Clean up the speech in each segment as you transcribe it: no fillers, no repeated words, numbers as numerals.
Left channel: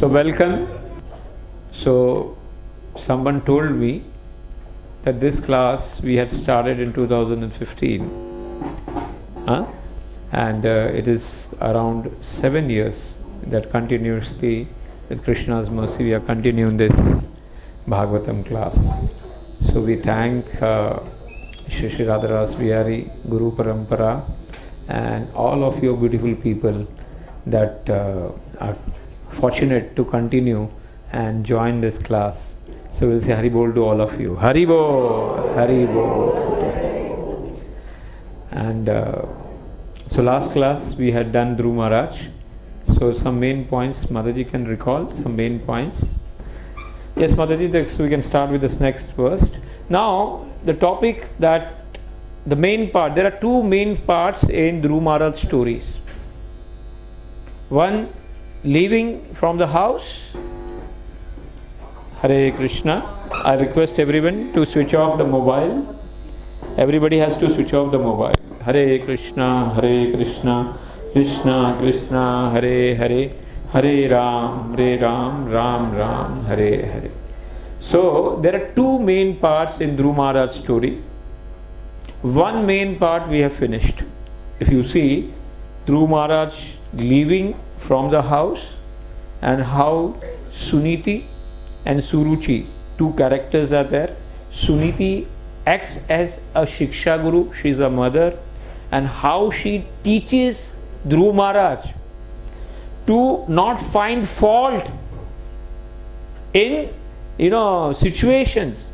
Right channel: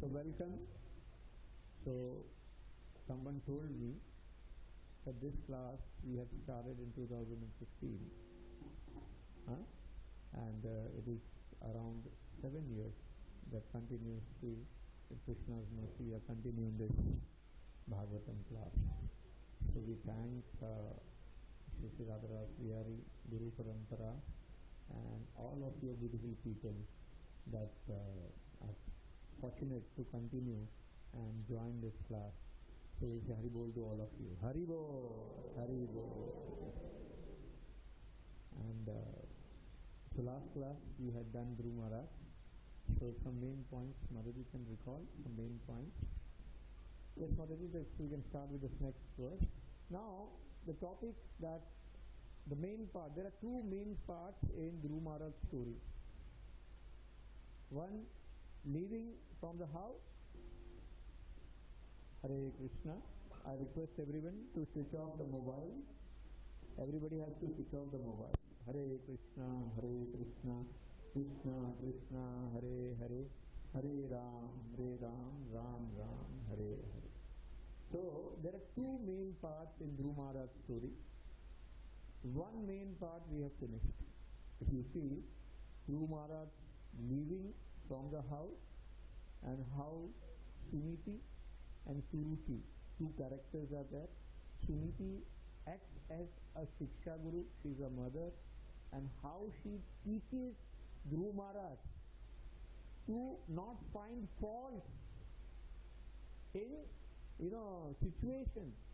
So welcome. So someone told me that this class we had started in 2015, and it is around 7 years that continuously, with Krishna's mercy, we are continuing this Bhagavatam class. So we thank Shri Shri Radharas Bihari, Guru Parampara, and all of you beautiful people that are fortunate to continue and join this class. So we'll say Hari Bol to all of you. Hari Bol, Hari Bol. And so last class we had done Dhuruva Maharaj. So some main points, Mataji can recall some main points. Yes, Mataji, so we can start with this next verse. Now the topic that the main part, there are two main parts in Dhuruva Maharaj stories. One, leaving from the house. Hare Krishna. I request everyone to switch off the mobile. Everybody has to switch off the mobile. Hare Krishna, Krishna Krishna, Hare Hare, Hare Ram, Ram Ram, Hare Hare. So there are two main parts in Dhuruva Maharaj story. One main part we have finished. If you see, Dhuruva Maharaj leaving from the house, and how Suniti and Suruchi, two characters are there. Suniti acts as a Shiksha Guru, she is a mother, and how she teaches Dhuruva Maharaj to not find fault in situations.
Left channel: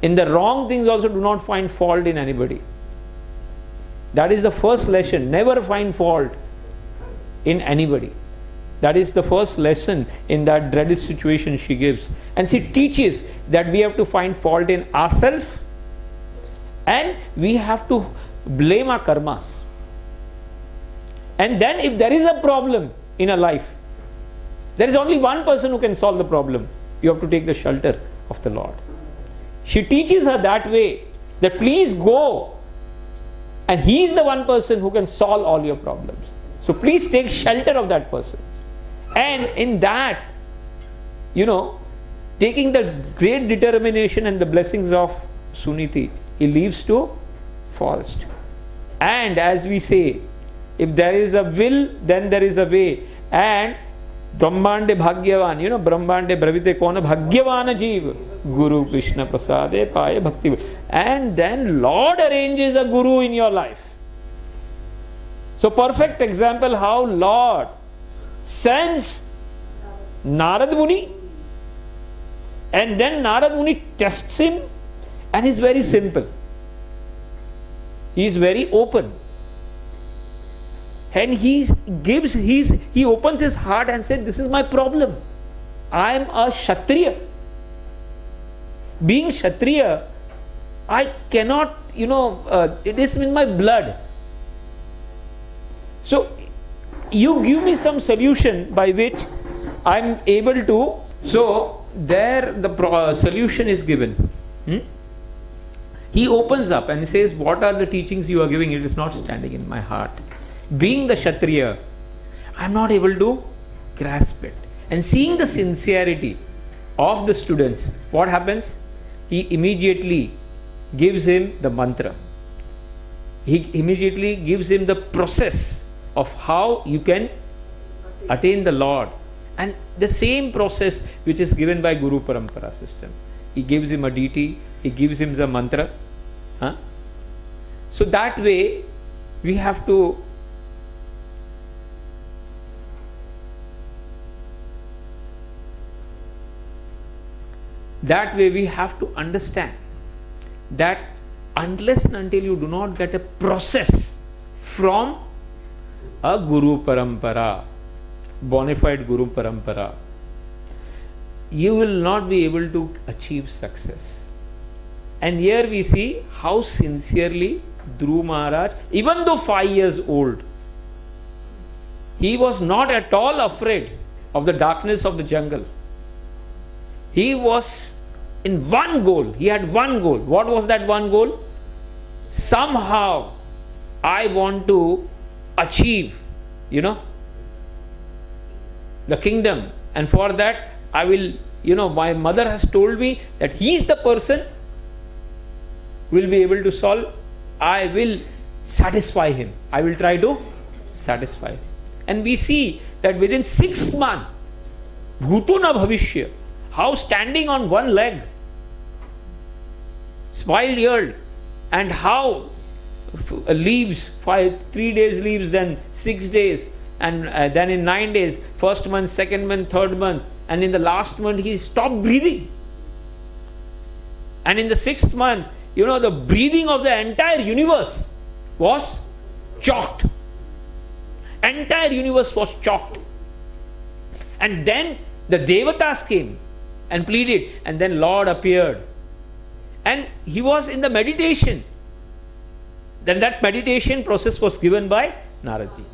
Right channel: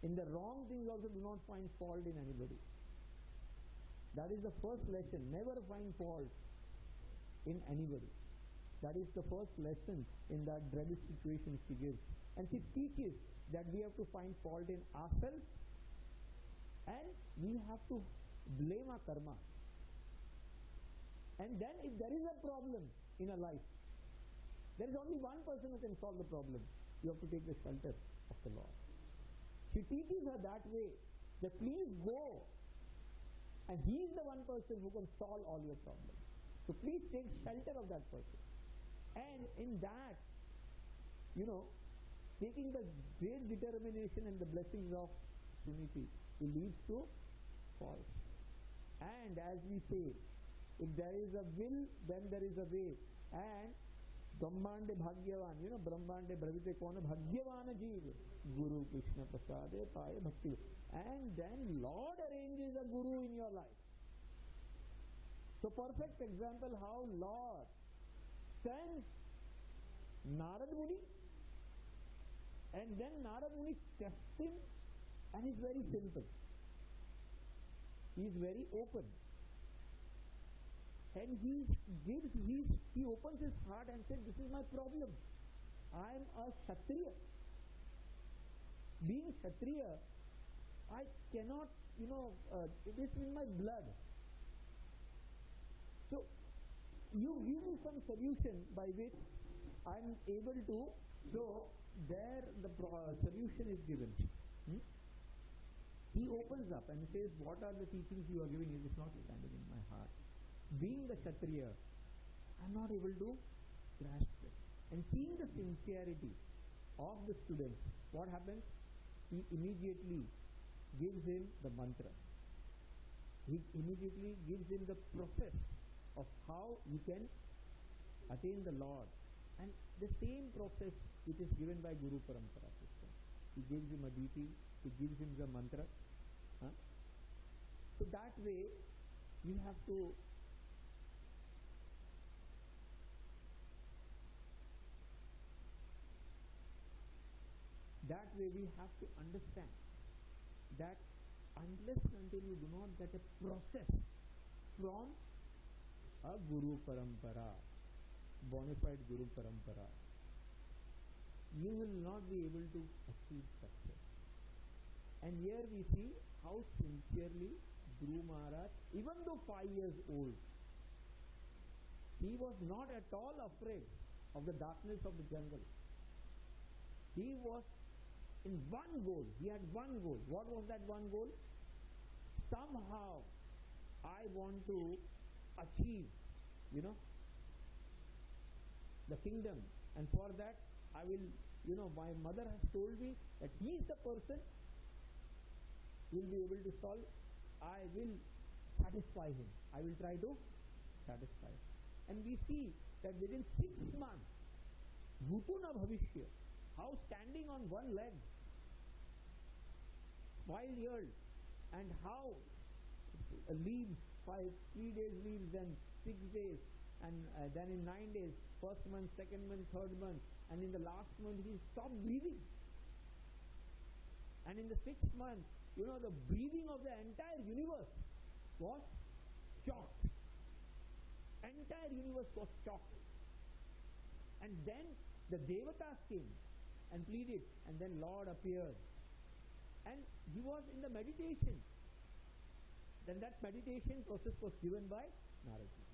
In the wrong things also, do not find fault in anybody. That is the first lesson. Never find fault in anybody. That is the first lesson in that dreaded situation she gives. And she teaches that we have to find fault in ourselves, and we have to blame our karmas. And then if there is a problem in a life, there is only one person who can solve the problem. You have to take the shelter of the Lord. She teaches her that way, that please go, and he is the one person who can solve all your problems. So please take shelter of that person. And in that, taking the great determination and the blessings of Suniti, he leaves to forest. And as we say, if there is a will, then there is a way. And Brahmande Bhagyavan, Brahmande Bravite Kona Bhagyavana Jeev, Guru Krishna Prasade Paya Bhakti. And then Lord arranges a Guru in your life. So perfect example how Lord sends Narad Muni, and then Narad Muni tests him, and he's very simple. He is very open. And he opens his heart and says, this is my problem. I am a Kshatriya. Being Kshatriya, I cannot, it is in my blood. So, you give me some solution by which I am able to. So, there the solution is given. He opens up and says, what are the teachings you are giving? It is not standing in my heart. Being the Kshatriya, I am not able to grasp it. And seeing the sincerity of the students, what happens? He immediately gives him the mantra. He immediately gives him the process of how you can attain the Lord. And the same process which is given by Guru Parampara system. He gives him a deity, he gives him the mantra. So that way we have to understand that unless and until you do not get a process from a Guru Parampara, bona fide Guru Parampara, you will not be able to achieve success. And here we see how sincerely Dhuruva Maharaj, even though 5 years old, he was not at all afraid of the darkness of the jungle. He was in one goal. He had one goal. What was that one goal? Somehow I want to achieve, the kingdom And for that, I will, my mother has told me that he is the person who will be able to solve. I will satisfy him. I will try to satisfy him. And we see that within 6 months, bhuto na bhavishya, how standing on one leg, spoiled, and how leaves, 3 days leaves, then 6 days, and then in 9 days, first month, second month, third month, and in the last month he stopped breathing. And in the 6th month, the breathing of the entire universe was chalked. Entire universe was chalked. And then the Devatas came and pleaded, and then Lord appeared. And he was in the meditation. Then that meditation process was given by Naradji.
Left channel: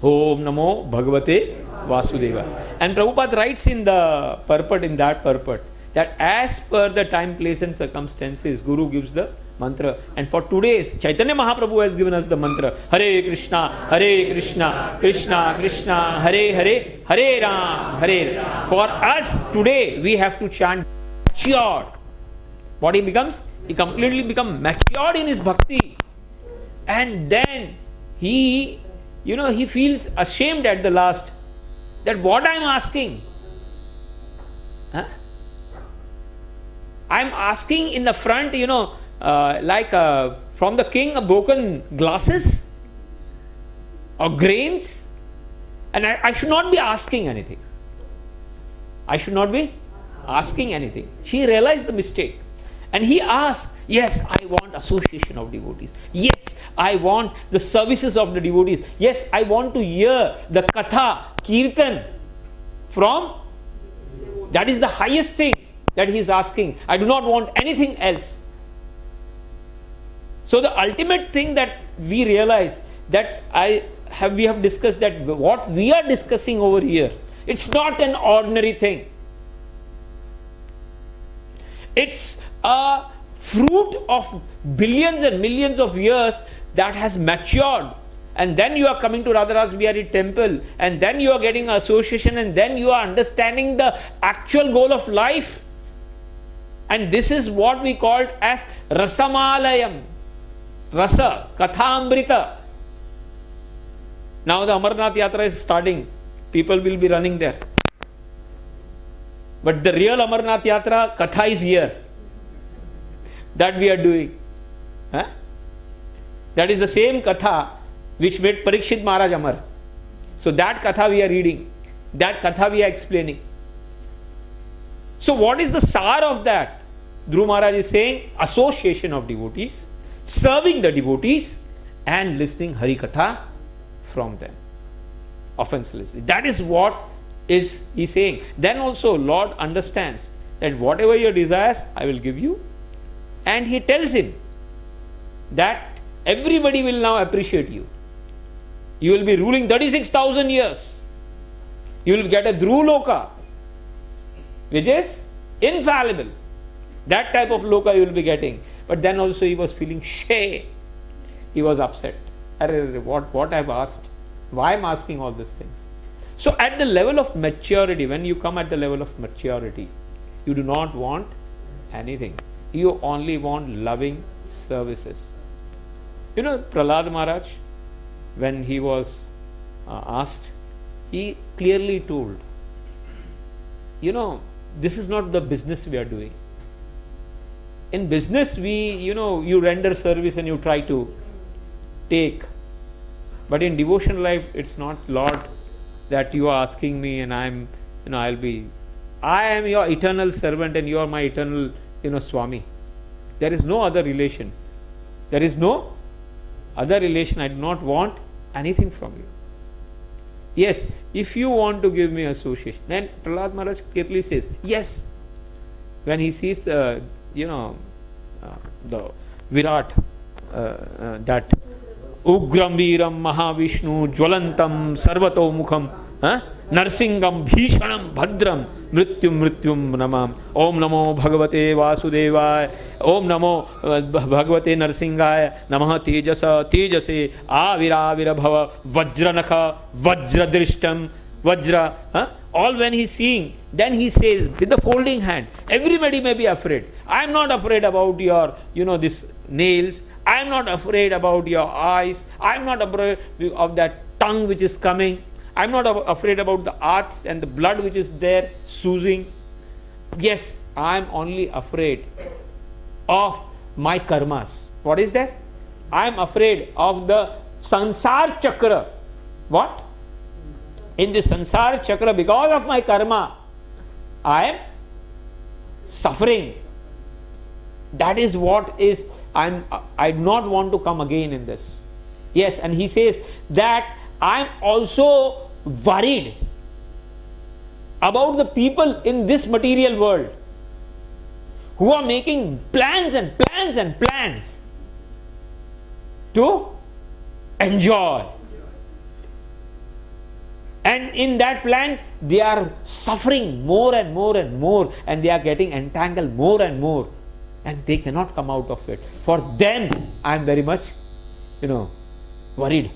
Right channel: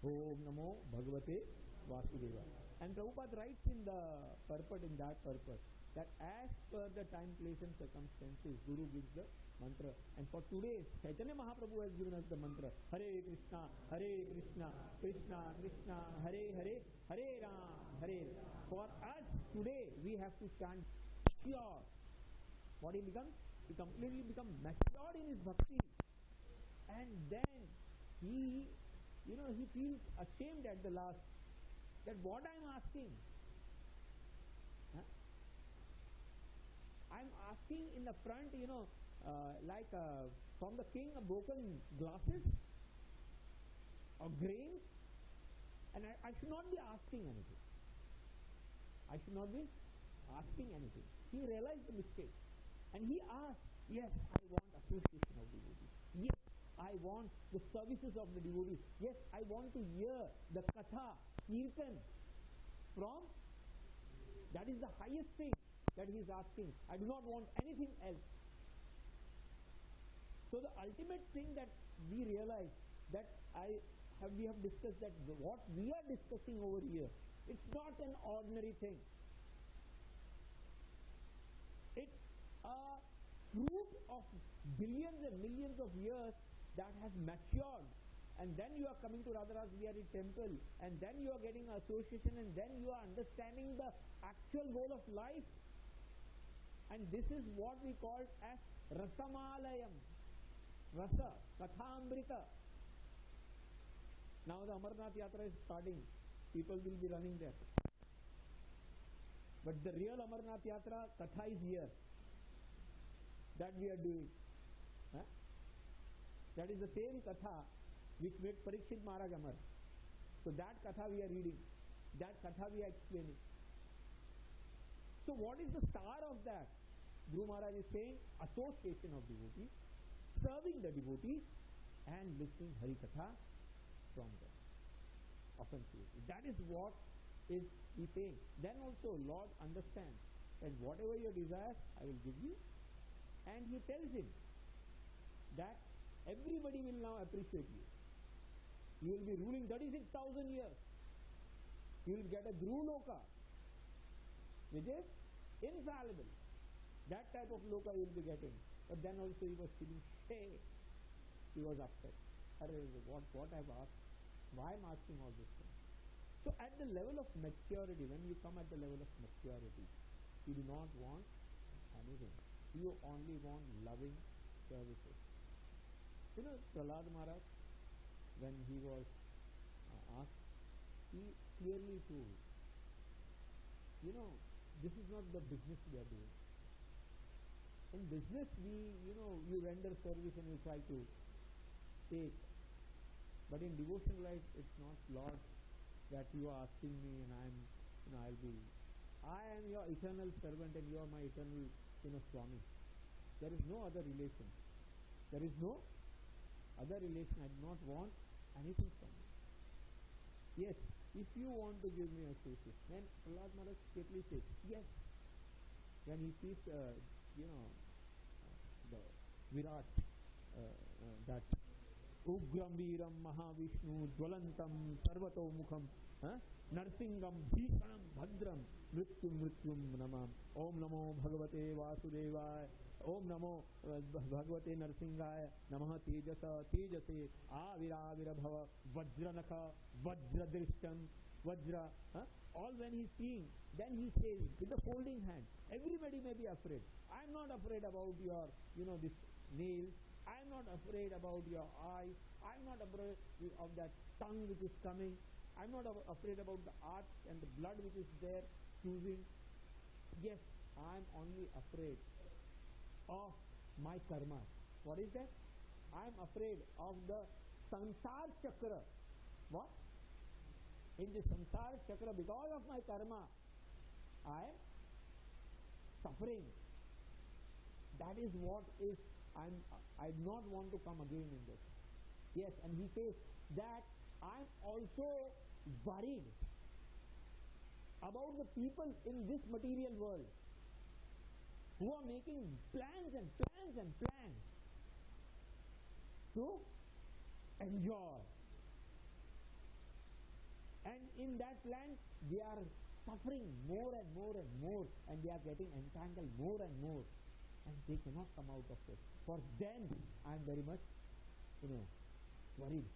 Om Namo Bhagavate Vasudeva. And Prabhupada writes in the purport, that as per the time, place and circumstances, Guru gives the mantra. And for today's, Chaitanya Mahaprabhu has given us the mantra, Hare Krishna, Krishna Krishna, Hare Hare, Hare Ram, Hare Ram. For us today, we have to chant matured. What he becomes? He completely becomes matured in his bhakti. And then he feels ashamed at the last that what I am asking. I am asking in the front, like from the king, broken glasses or grains. And I should not be asking anything. I should not be asking anything. She realized the mistake. And he asked, yes, I want association of devotees. Yes, I want the services of the devotees. Yes, I want to hear the katha, kirtan from. That is the highest thing that he is asking. I do not want anything else. So the ultimate thing that we realize, that we have discussed, that what we are discussing over here, it's not an ordinary thing. It's a fruit of billions and millions of years that has matured. And then you are coming to Radhara's Bihari temple, and then you are getting association, and then you are understanding the actual goal of life. And this is what we called as Rasamalayam. Rasa, Kathamrita. Now the Amarnath Yatra is starting. People will be running there. But the real Amarnath Yatra, Katha is here. That we are doing. That is the same Katha which made Parikshit Maharaj Amar. So that Katha we are reading. That Katha we are explaining. So what is the sar of that? Dhruva Maharaj is saying association of devotees, serving the devotees, and listening Hari Katha from them. Offenselessly. That is what is he saying. Then also Lord understands that whatever your desires, I will give you. And he tells him that everybody will now appreciate you. You will be ruling 36,000 years. You will get a Dhruva Loka, which is infallible. That type of Loka you will be getting. But then also he was feeling shame. He was upset. What I have asked? Why I am asking all these things? So at the level of maturity, when you come at the level of maturity, you do not want anything. You only want loving services. Prahlad Maharaj, when he was asked, he clearly told, this is not the business we are doing. In business, you render service and you try to take. But in devotion life, it's not, Lord, that you are asking me and I am your eternal servant and you are my eternal, Swami. There is no other relation. There is no other relation. I do not want anything from you. Yes, if you want to give me association, then Prahlad Maharaj clearly says, yes. When he sees the Virat, that Ugram Viram Mahavishnu Jwalantam Sarvato Mukham Narsingam Bhishanam Bhadram Mrityum Namam Om Namo Bhagavate Vasudevaya Om Namo Bhagavate Narsingaya Namaha Tejase Aviravira Bhava Vajranakha Vajradrishtam Vajra, all when he's seeing, then he says with the folding hand, everybody may be afraid. I am not afraid about your, this nails. I am not afraid about your eyes. I am not afraid of that tongue which is coming. I am not afraid about the arts and the blood which is there oozing. Yes, I am only afraid of my karmas. What is that? I am afraid of the sansar chakra. What? In the sansar chakra, because of my karma, I am suffering. That is what is, I do not want to come again in this. Yes, and he says that I am also worried about the people in this material world who are making plans and plans and plans to enjoy. And in that plan, they are suffering more and more and more, and they are getting entangled more and more, and they cannot come out of it. For them, I am very much, worried.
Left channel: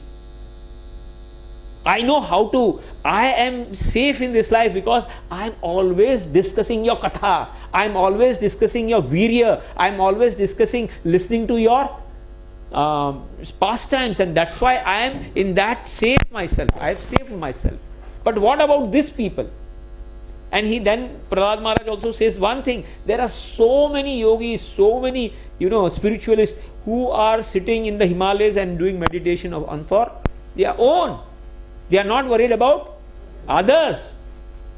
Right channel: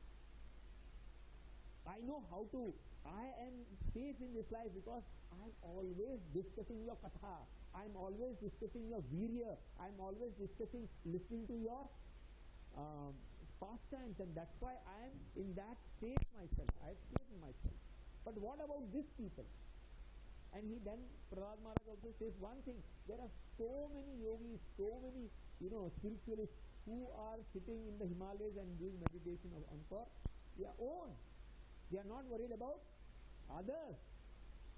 I know how to, I am safe in this life because I am always discussing your katha. I am always discussing your virya. I am always discussing, listening to your pastimes, and that's why I am in that safe myself. I have saved myself. But what about these people? And Prahlad Maharaj also says one thing. There are so many yogis, so many spiritualists who are sitting in the Himalayas and doing meditation for their own. They are not worried about others.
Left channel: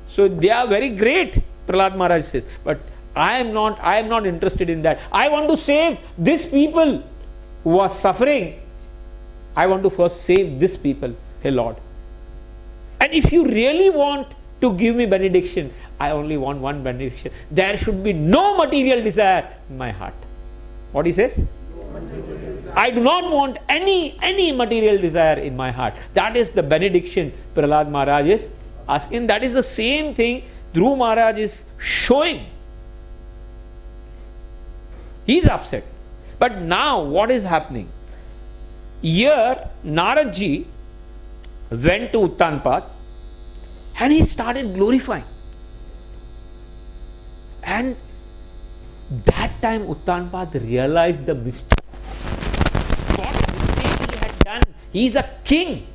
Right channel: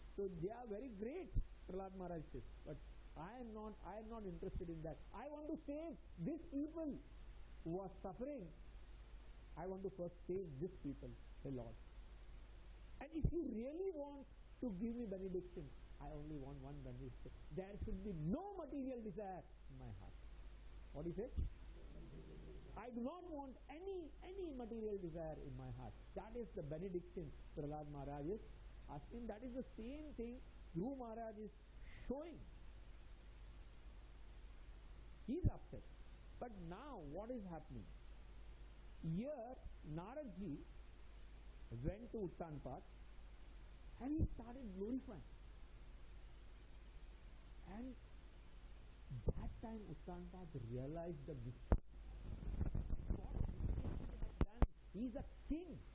So they are very great, Prahlad Maharaj says. But I am not interested in that. I want to save these people who are suffering. I want to first save these people, hey Lord. And if you really want to give me benediction, I only want one benediction. There should be no material desire in my heart. What he says? I do not want any material desire in my heart. That is the benediction Prahlad Maharaj is asking. That is the same thing Dhuruva Maharaj is showing. He is upset. But now what is happening? Here Naradji went to Uttanpad and he started glorifying. And that time Uttanpad realized the mistake. What mistake he had done. He is a king.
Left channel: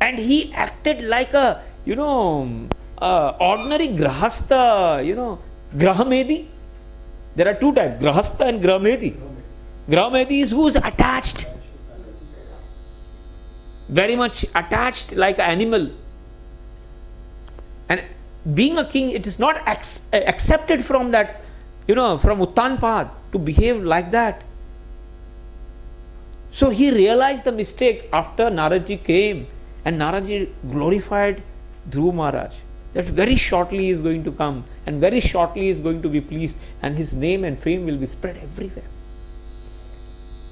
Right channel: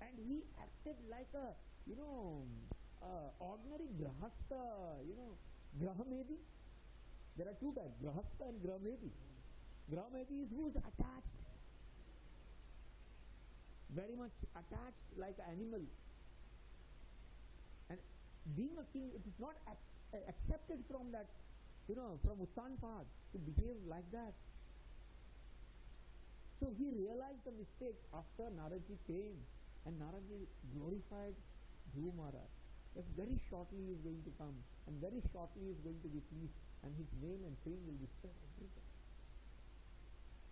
And he acted like a, ordinary grahastha, grahamedi. There are two types, grahastha and grahamedi. Grahamedi is who is attached. Very much attached like an animal. And being a king, it is not accepted from that, from Uttanpad to behave like that. So he realized the mistake after Naradji came, and Naradji glorified Dhuruva Maharaj. That very shortly he is going to come, and very shortly he is going to be pleased, and his name and fame will be spread everywhere.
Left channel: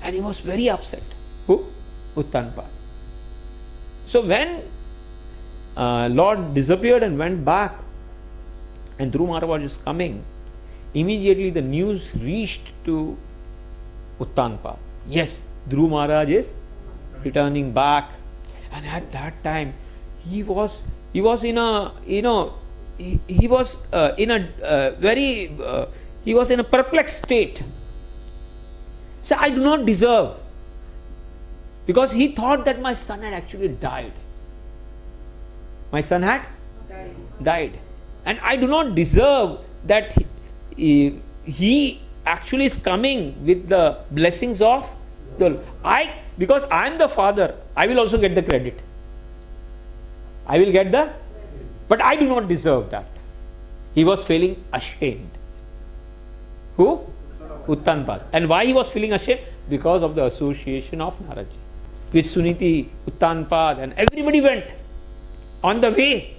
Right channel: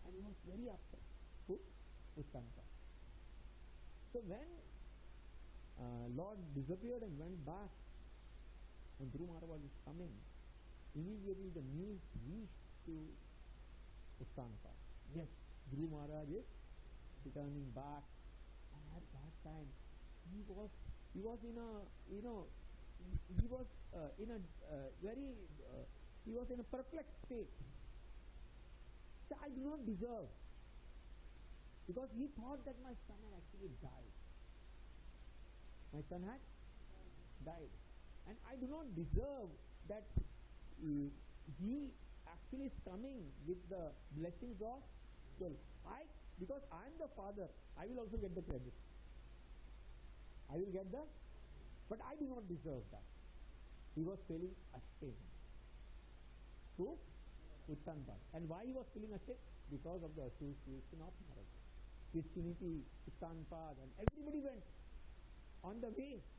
And he was very upset. Who? Uttanpad. So when Lord disappeared and went back, and Dhuruva Maharaj is coming, immediately the news reached to Uttanpad. Yes, Dhuruva Maharaj is returning back. And at that time, he was in a perplexed state. So I do not deserve, because he thought that my son had actually died. My son had died. And I do not deserve that he actually is coming with the blessings of the because I am the father, I will also get the credit. I will get but I do not deserve that. He was feeling ashamed. Who? Uttanpad. And why he was feeling ashamed? Because of the association of Naradji. With Suniti, Uttanpad, and everybody went on the way.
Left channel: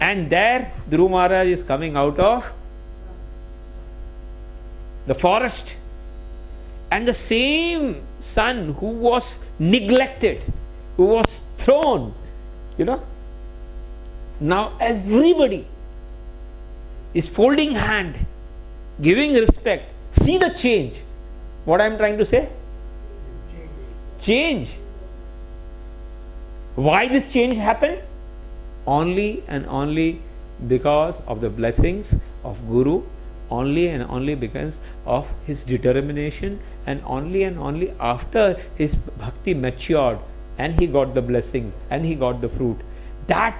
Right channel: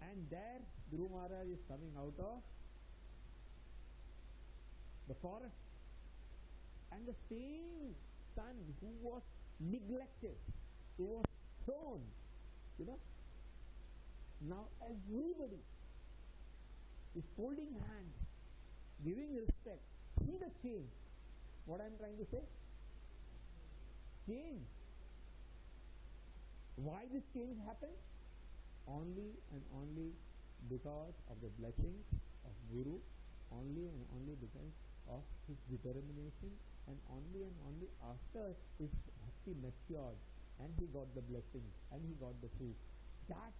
And there Dhuruva Maharaj is coming out of the forest. And the same son who was neglected, who was thrown, now everybody is folding hand, giving respect. See the change. What I am trying to say? Change. Why this change happened? Only and only because of the blessings of Guru, only and only because of his determination, and only after his bhakti matured and he got the blessings and he got the fruit. That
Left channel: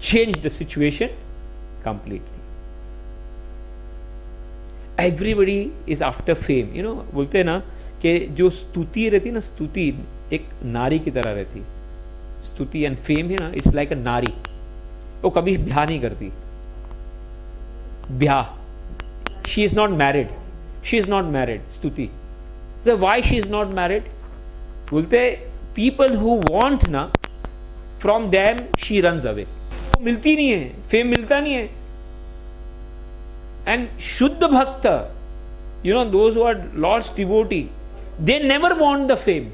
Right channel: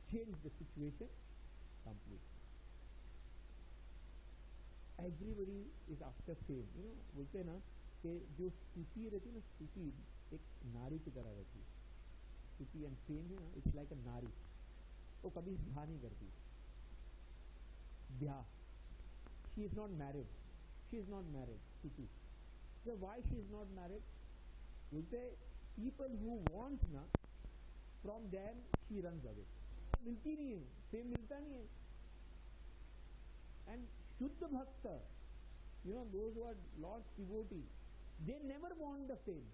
changed the situation completely. Everybody is after fame. You know, बोलते हैं ना कि जो स्तुति रहती ना, स्तुति एक नारी की तरह रहती. स्तुति and fame है ना, it's like a नारी. वो कभी ब्याह नहीं करती. ब्याह. She is not married. She is not married. स्तुति. So why she is not married? बोलते people who want ना, from them she runs away. मिलती नहीं है, fame मिलता नहीं है. And Shuddha Bhakta, you know, those who are Lord's devotee, they never want the fame.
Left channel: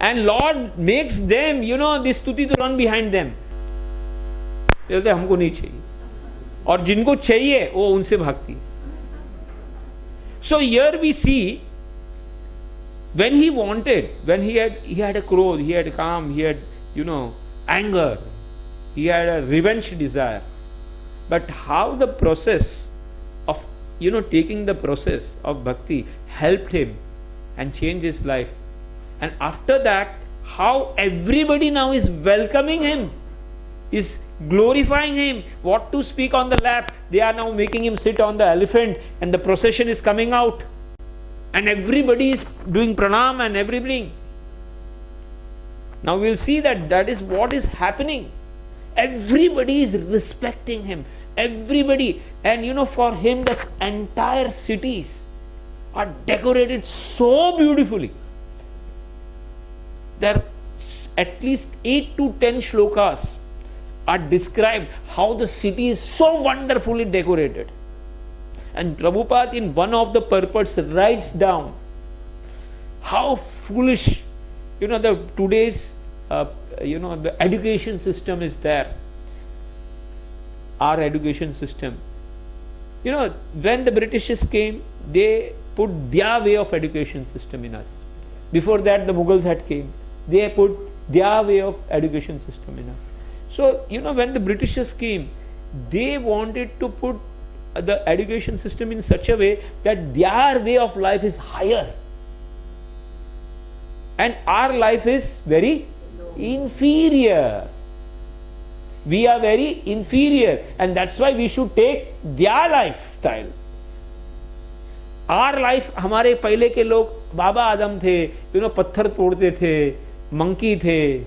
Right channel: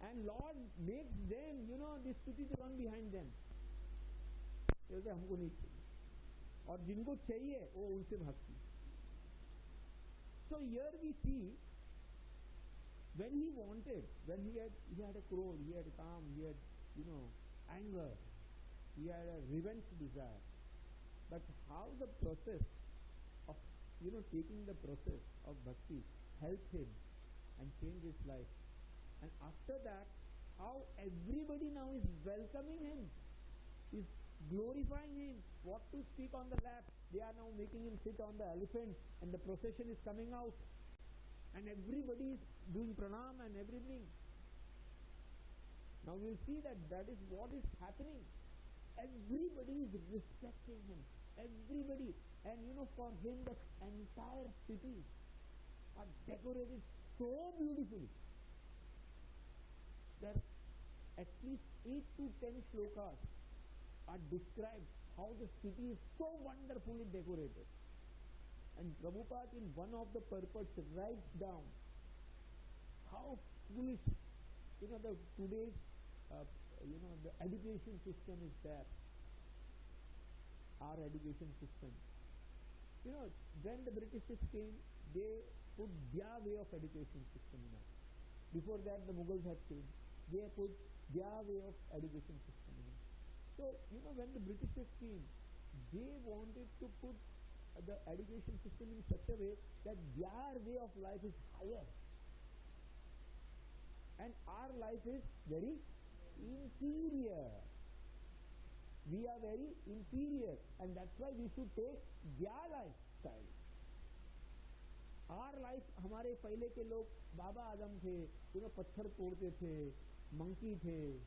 And Lord makes them, you know, this stuti to run behind them. बोलते हमको नहीं चाहिए, और जिनको चाहिए वो उनसे भागती. So here we see, when he wanted, when he had a clothes, he had calm, he had, you know, anger, he had a revenge desire. But how the process of, you know, taking the process of bhakti helped him and changed his life. And after that, how everybody now is welcoming him, is glorifying him. What to speak on the lap, they are now making him sit on the elephant, and the procession is coming out. And everybody is doing pranam and everything. Now we will see that is what is happening. Everybody is respecting him. Everybody. And you know, for him, the entire cities are decorated so beautifully. There are at least 8 to 10 shlokas are described how the city is so wonderfully decorated. And Prabhupada in one of the purports writes down how foolish, you know, the today's you know, the education system is there. Our education system, you know, when the Britishers came, they put their way of education system in us. Before that, the Mughals had came, they put their way of education system in us. So, you know, when the Britishers came, they wanted to put the education system in such a way that their way of life is higher, and our life is very inferior. We are very inferior, and that's why we should take their lifestyle. Our life, हमारे पहले के लोग बाबा आदम थे, you know, पत्थर तोड़ते थे, monkey थे,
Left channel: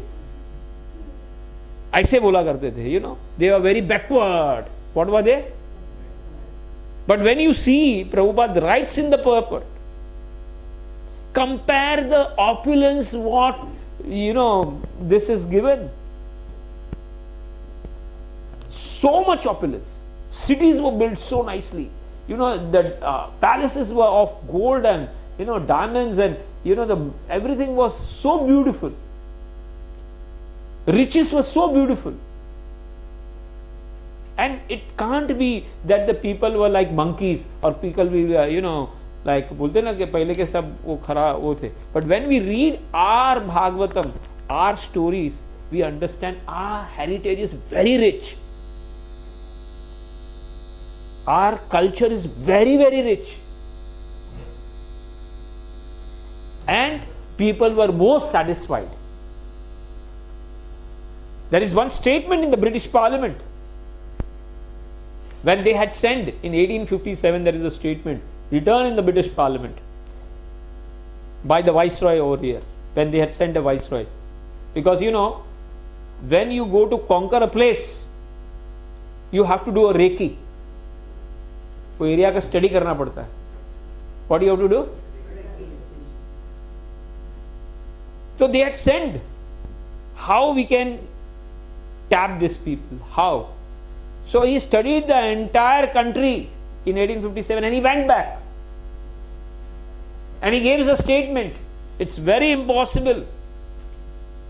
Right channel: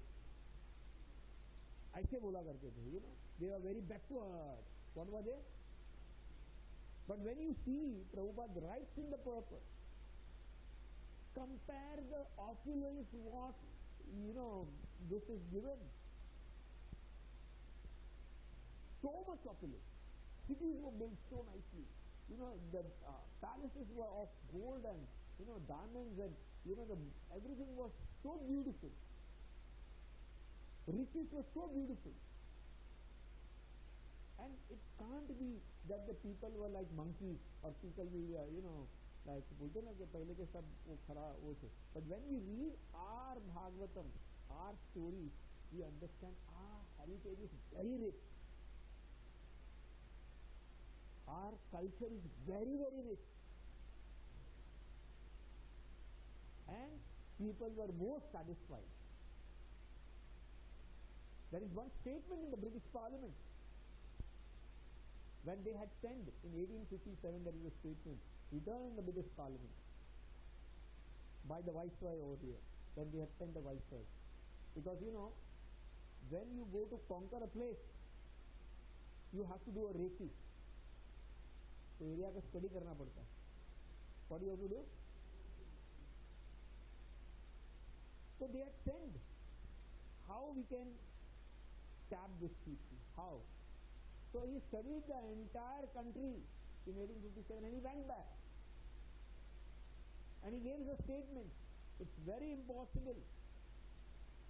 ऐसे बोला करते थे, you know, they were very backward. What were they? But when you see, Prabhupada writes in the purport, compare the opulence what, you know, this is given. So much opulence. Cities were built so nicely. You know, the palaces were of gold and, you know, diamonds, and, you know, everything was so beautiful. Riches were so beautiful. And it can't be that the people were like monkeys, or people were, you know, like बोलते ना कि पहले के सब वो खरा वो थे. But when we read our Bhagavatam, our stories, we understand our heritage is very rich. Our culture is very, very rich. And people were most satisfied. There is one statement in the British Parliament. When they had sent in 1857, there is a statement written in the British Parliament by the Viceroy over here, when they had sent a Viceroy. Because, you know, when you go to conquer a place, you have to do a Reiki. वो area का study करना पड़ता है. What do you have to do? So they had sent how we can tap these people. How? So he studied the entire country in 1857 and he went back. And he gave us a statement. It's very impossible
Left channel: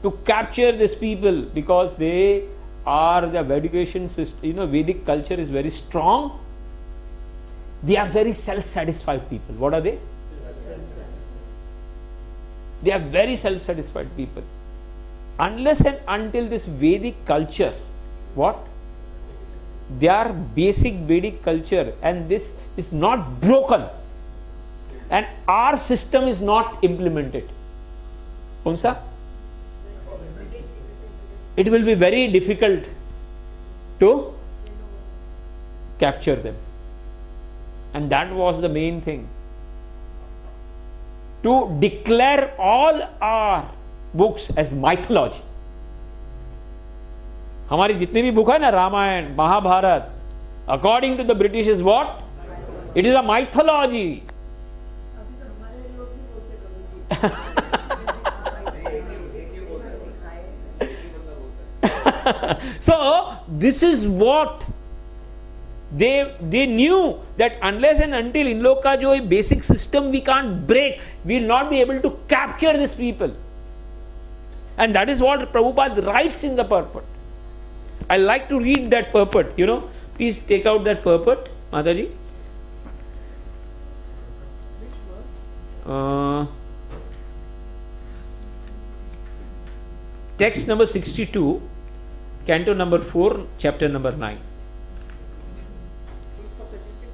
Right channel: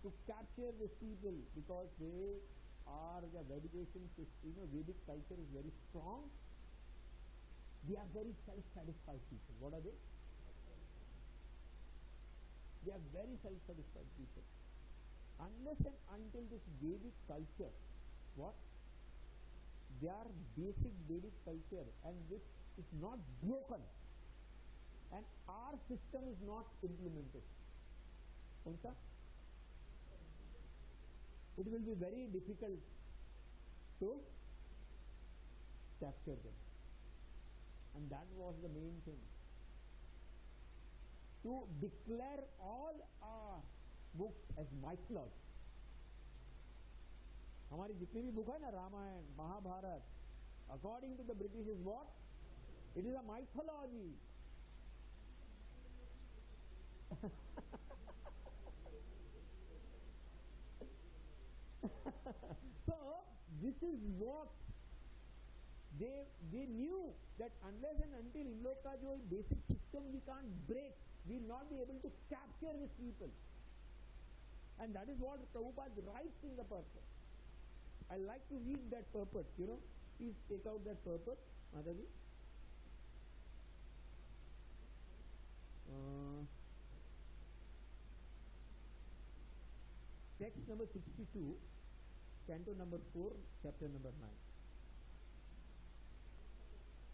to capture these people because they are the education system. You know, Vedic culture is very strong. They are very self-satisfied people. What are they? They are very self-satisfied people. unless and until this Vedic culture, what? Their basic Vedic culture, and this is not broken, and our system is not implemented. Unsa? It will be very difficult to capture them. And that was the main thing. To declare all our books as mythology. हमारी जितनी भी book है ना, Ramayan, Mahabharat, according to the British is what? It is a mythology. So this is what they knew, that unless and until in log ka jo basic system we can't break, we will not be able to capture these people. And that is what Prabhupada writes in the purport. I like to read that purport, you know. Please take out that purport, Mataji. Text number 62, canto number 4, chapter number 9.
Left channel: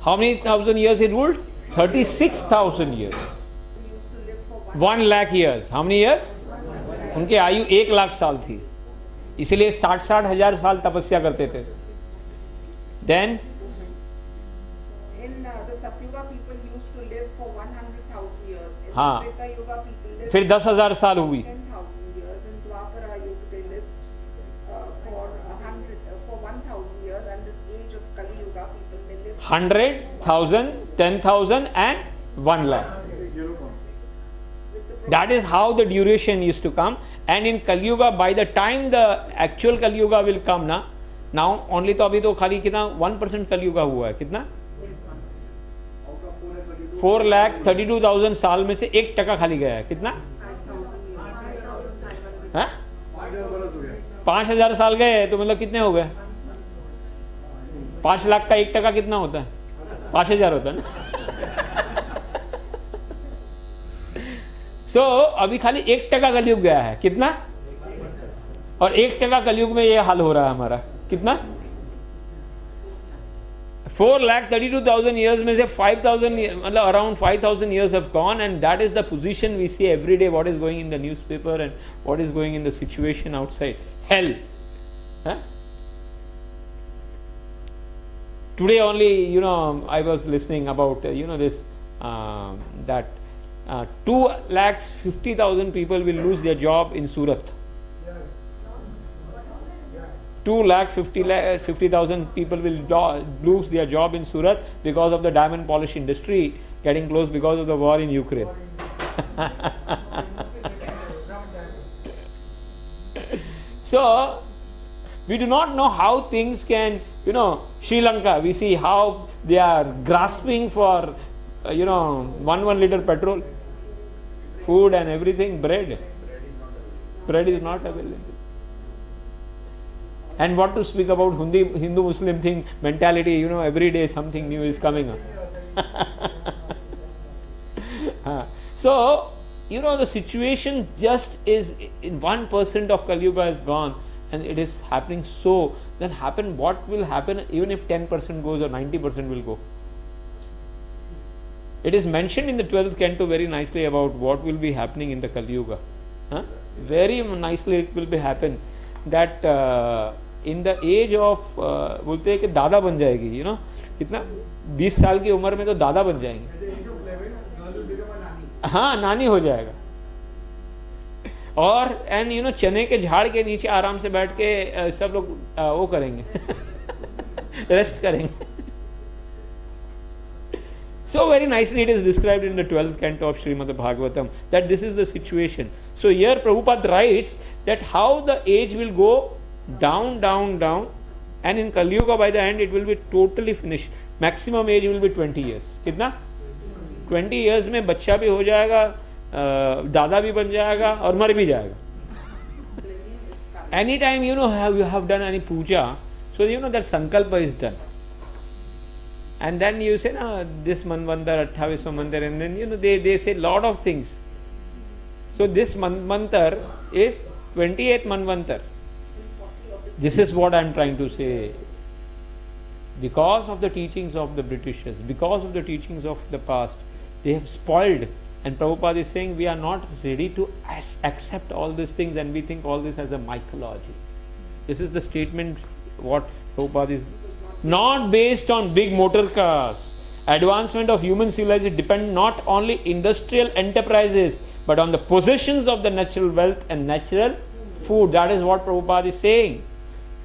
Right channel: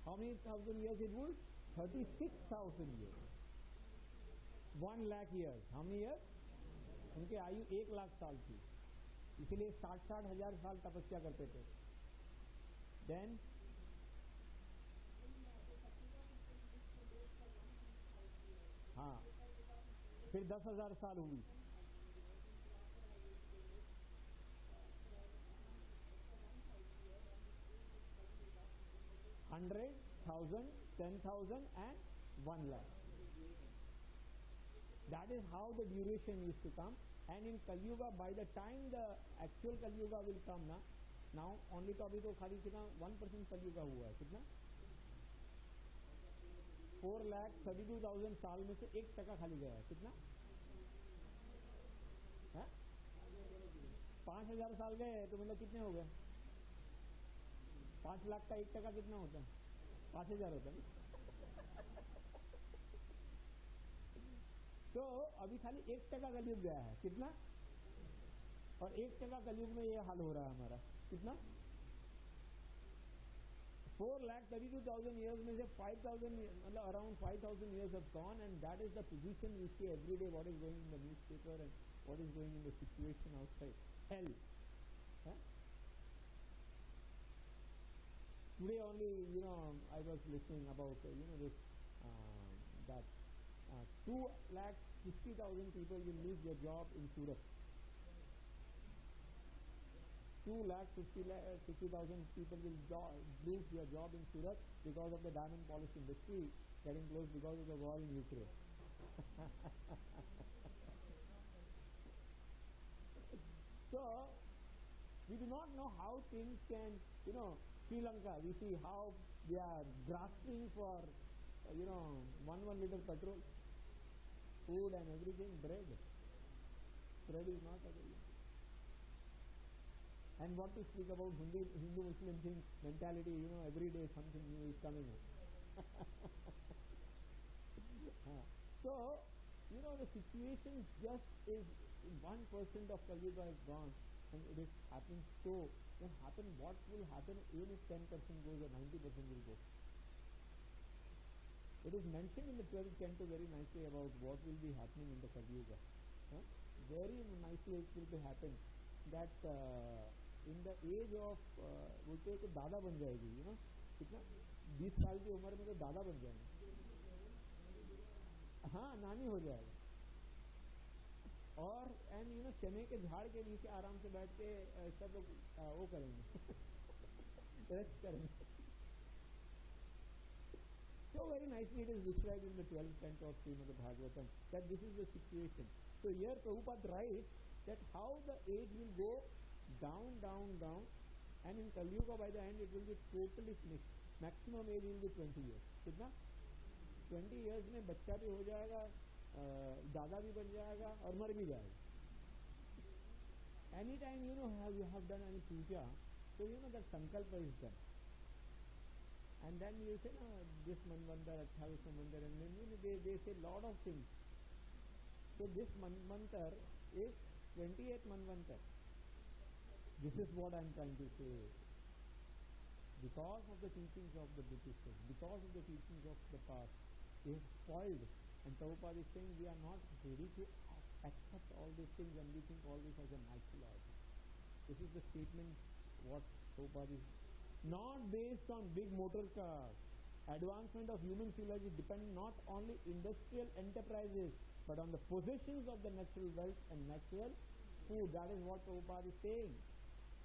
How many thousand years he ruled? 36,000 years. 1 lakh years. How many years? उनकी आयु 1 लाख साल थी, इसलिए 60-60 हजार साल तपस्या करते थे. Then in the Satyuga people used to live for 100,000 years. In हाँ, Treta Yuga people lived फिर 10,000 साल हुई. 10,000 years. In Dwapara Yuga they lived for 1,000 years, and this age of Kali Yuga people may live 100,000, 10,000 and 1 lakh. That is how the duration used to come. And in Kali Yuga, by the time the actual Kali Yuga will come ना, now only तो अभी तो खाली कितना 1% Kali Yuga हुआ है, कितना 4,32,000 साल में से 1% खाली गया है, कितना 5,000 साल गए, तो मतलब कितने हो गए? 5 लाख का 1% कितना होता है? 5,000 होता है ना. So, अभी खाली 1% कलयुग गया है, कितना? और 1% कलयुग में ये हाल हो रहा है हमारा, कितना? 4,32,000 years में से 5,000, मतलब around 5,000 years have gone, and that is the position we see every day. What is going in the newspaper and what is going in the situation outside hell. Huh? Today only, you know, I was listening about you know this that 2,50,000 people will lose their job in Surat. 2,50,000 people will lose their job in Surat because of the diamond polish industry getting closed because of the war in Ukraine. So we do not know how things can, you know, Sri Lanka, we see how they are grasping for you know 1 liter petrol, food and everything, bread is not available. And what to speak about Hindu Muslim thing, mentality, you know, every day something new is coming up. So, you know, the situation just is, in 1% of Kali Yuga is gone, and it is happening. So, then what will happen even if 10% goes or 90% will go? It is mentioned in the 12th canto very nicely about what will be happening in the Kali Yuga. Very nicely it will be happen that in the age of बोलते हैं कि दादा बन जाएगी, you know, कितना 20 साल की उम्र में तो दादा बन जाएंगे, हाँ नानी हो जाएगा. और एंड यू नो चने के झाड़ के नीचे आराम से बैठ के सब लोग वो करेंगे, रेस्ट करेंगे. So very nicely it is described in the 12th canto of Srimad Bhagavatam that this is the situation. So here Prabhupada writes that how the age will go down, and in Kali Yuga by the end it will be totally finished. Maximum age will be 20 years. कितना? 20 years में बच्चा भी हो जाएगा, दादा भी बन जाएगा और मर भी जाएगा. Anytime you know you have done any puja, so you know that sankalpa is done. And then you say, no, this manvantar, 28वां mantar, and then you know they say lot of things. So this manvantar is 28th Manvantar. This is what I am trying to say. Because of the teachings of the Britishers, because of the teachings of the past, they have spoiled. And Prabhupada is saying we are not ready to accept all these things, and we think all this as a mythology. This is the statement what Prabhupada is. Not based on big motor cars. Advancement of human civilization depend not only industrial enterprises, but on the possessions of the natural wealth and natural food. That is what Prabhupada is saying.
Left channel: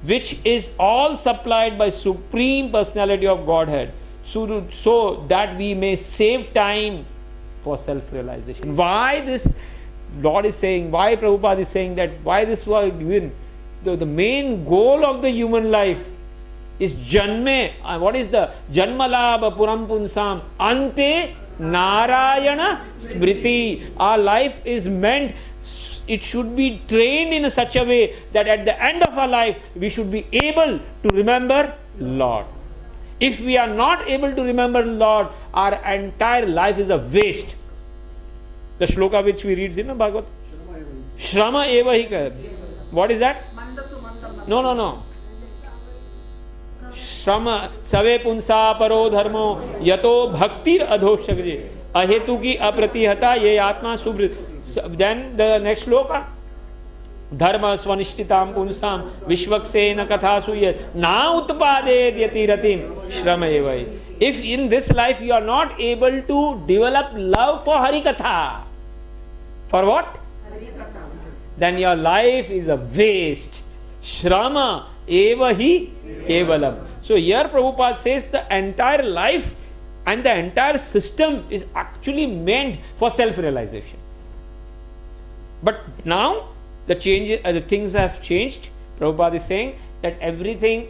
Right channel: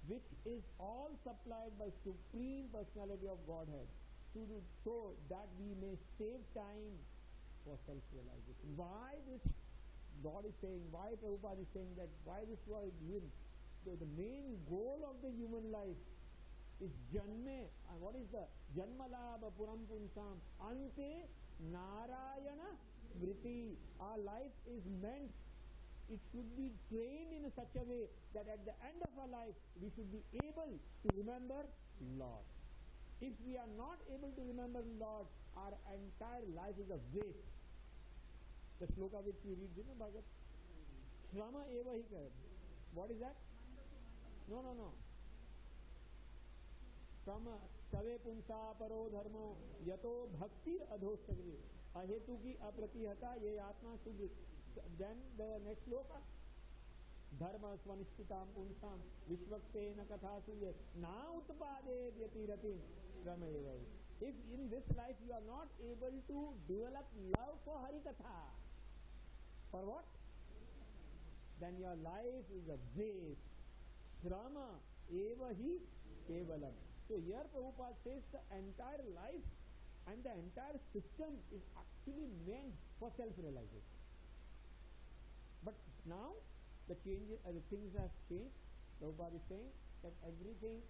Which is all supplied by Supreme Personality of Godhead. So that we may save time for self-realization. Why this Lord is saying, why Prabhupada is saying that, why this was given? The main goal of the human life is Janme. What is the Janmalabha Puram Punsam Ante Narayana Smriti. Our life is meant, it should be trained in such a way that at the end of our life we should be able to remember Lord. If we are not able to remember Lord, our entire life is a waste. The shloka which we read in the Bhagavat. Shrama eva hi. What is that? No. Shrama save punsa paro dharmo yato bhaktir adhoshakje ahetu ki apratihata ye atma subrit. Then the next shloka. Dharma swanishtitam punsam vishvaksena kathasuye na utpaded yatiratim shrama eva. If in this life you are not able to develop love for Harikatha, for what? Then your life is a waste. Shrama eva hi kevalam. So here Prabhupada says the entire life and the entire system is actually meant for self-realization. But now the things have changed. Prabhupada is saying that everything,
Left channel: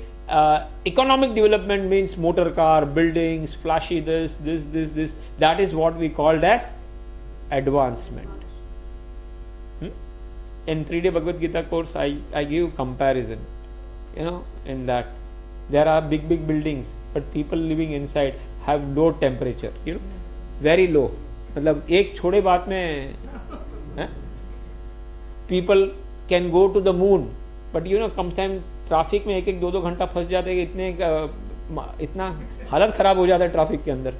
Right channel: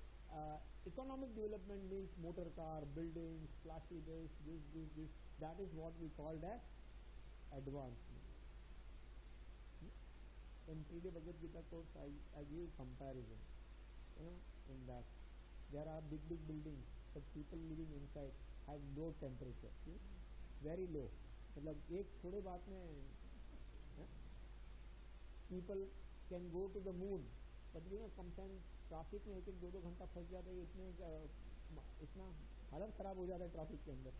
economic development means motor car, buildings, flashy this. That is what we called as advancement. In 3-day Bhagavad Gita course, I give comparison. In that there are big buildings, but people living inside have low temperature. Very low. मतलब एक छोटे बात में people can go to the moon, but sometimes traffic में 1-1, 2-2 घंटा फंस जाते हैं, इतना हालत खराब हो जाता है ट्रैफिक के अंदर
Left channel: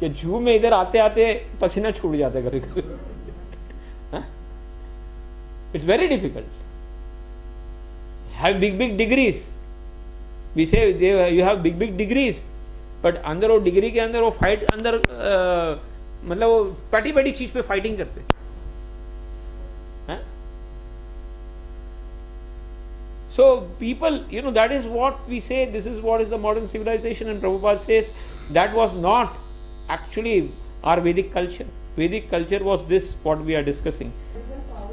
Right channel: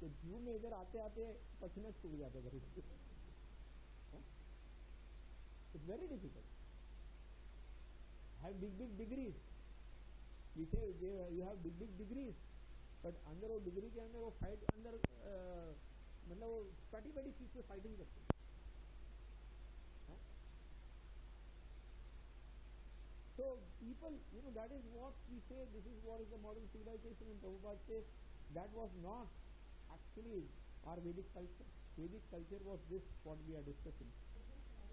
कि जूह में इधर आते आते पसीना छूट जाता है कभी-कभी. It's very difficult. Have big degrees. We say you have big degrees, but अंदर वो डिग्री के अंदर वो फाइट अंदर मतलब वो बड़ी चीज पे फाइटिंग करते हैं. So people, that is what we say, this is what is the modern civilization, and Prabhupada says that was not actually our Vedic culture. Vedic culture was this, what we are discussing.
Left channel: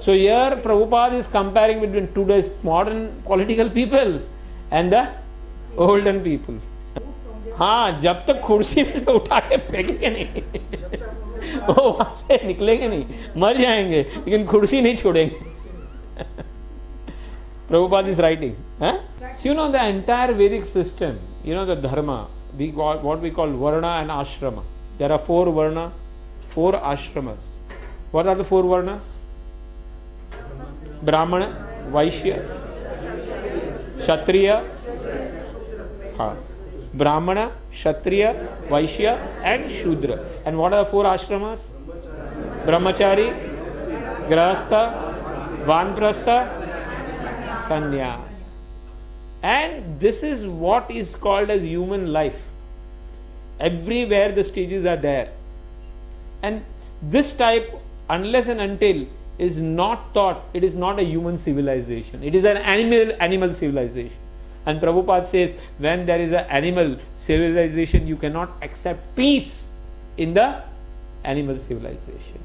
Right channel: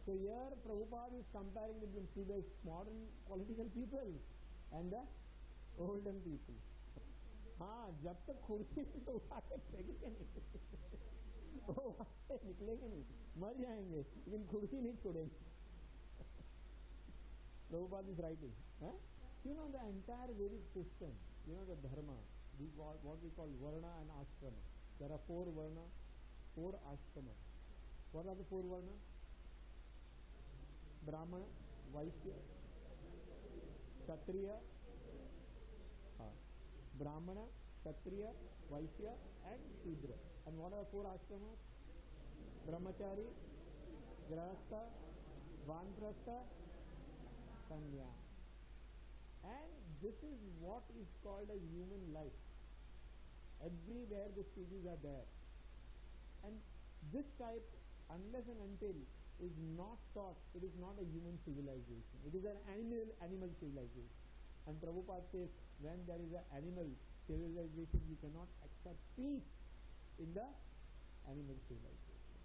So here Prabhupada is comparing between today's modern political people and the olden people. हाँ, जब तक कुर्सी में से उठा के फेंकेंगे नहीं वो वहां से निकलेंगे नहीं, मर जाएंगे, लेकिन कुर्सी नहीं छोड़ेंगे. Prabhupada is writing. So the entire Vedic system, the dharma, what we call varna and ashrama. There are 4 varna, 4 ashramas. What are the 4 varnas? Brahmana, Vaishya, Kshatriya, Brahmana, Kshatriya, Vaishya and Shudra. And what are the 4 ashramas? Brahmachari, Grahastha, Vanprastha, Sannyas. And this is what is called as human life. Everywhere the stages are there. And this type, unless and until, is not taught, it is not a human civilization. It is an animal civilization. And Prabhupada says, when there is an animal civilization, you cannot accept peace in the animal civilization.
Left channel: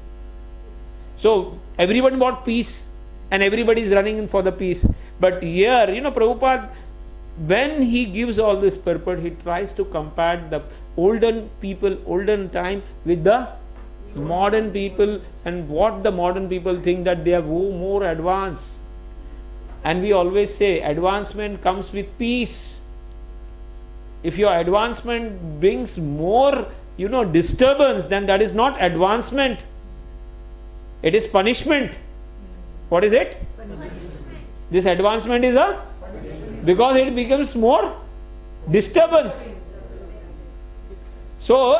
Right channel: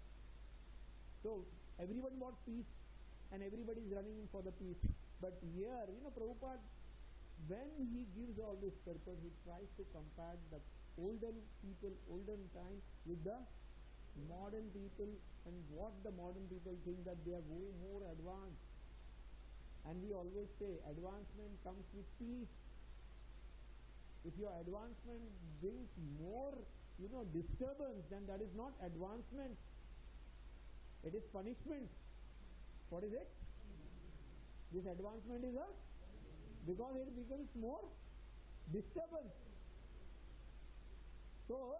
So everyone wants peace and everybody is running in for the peace. But here, Prabhupada, when he gives all this purport, he tries to compare the olden people, olden time with the modern people, and what the modern people think that they are more advanced. And we always say advancement comes with peace. If your advancement brings more, disturbance, then that is not advancement. It is punishment. What is it? This advancement is a, because it becomes more disturbance. So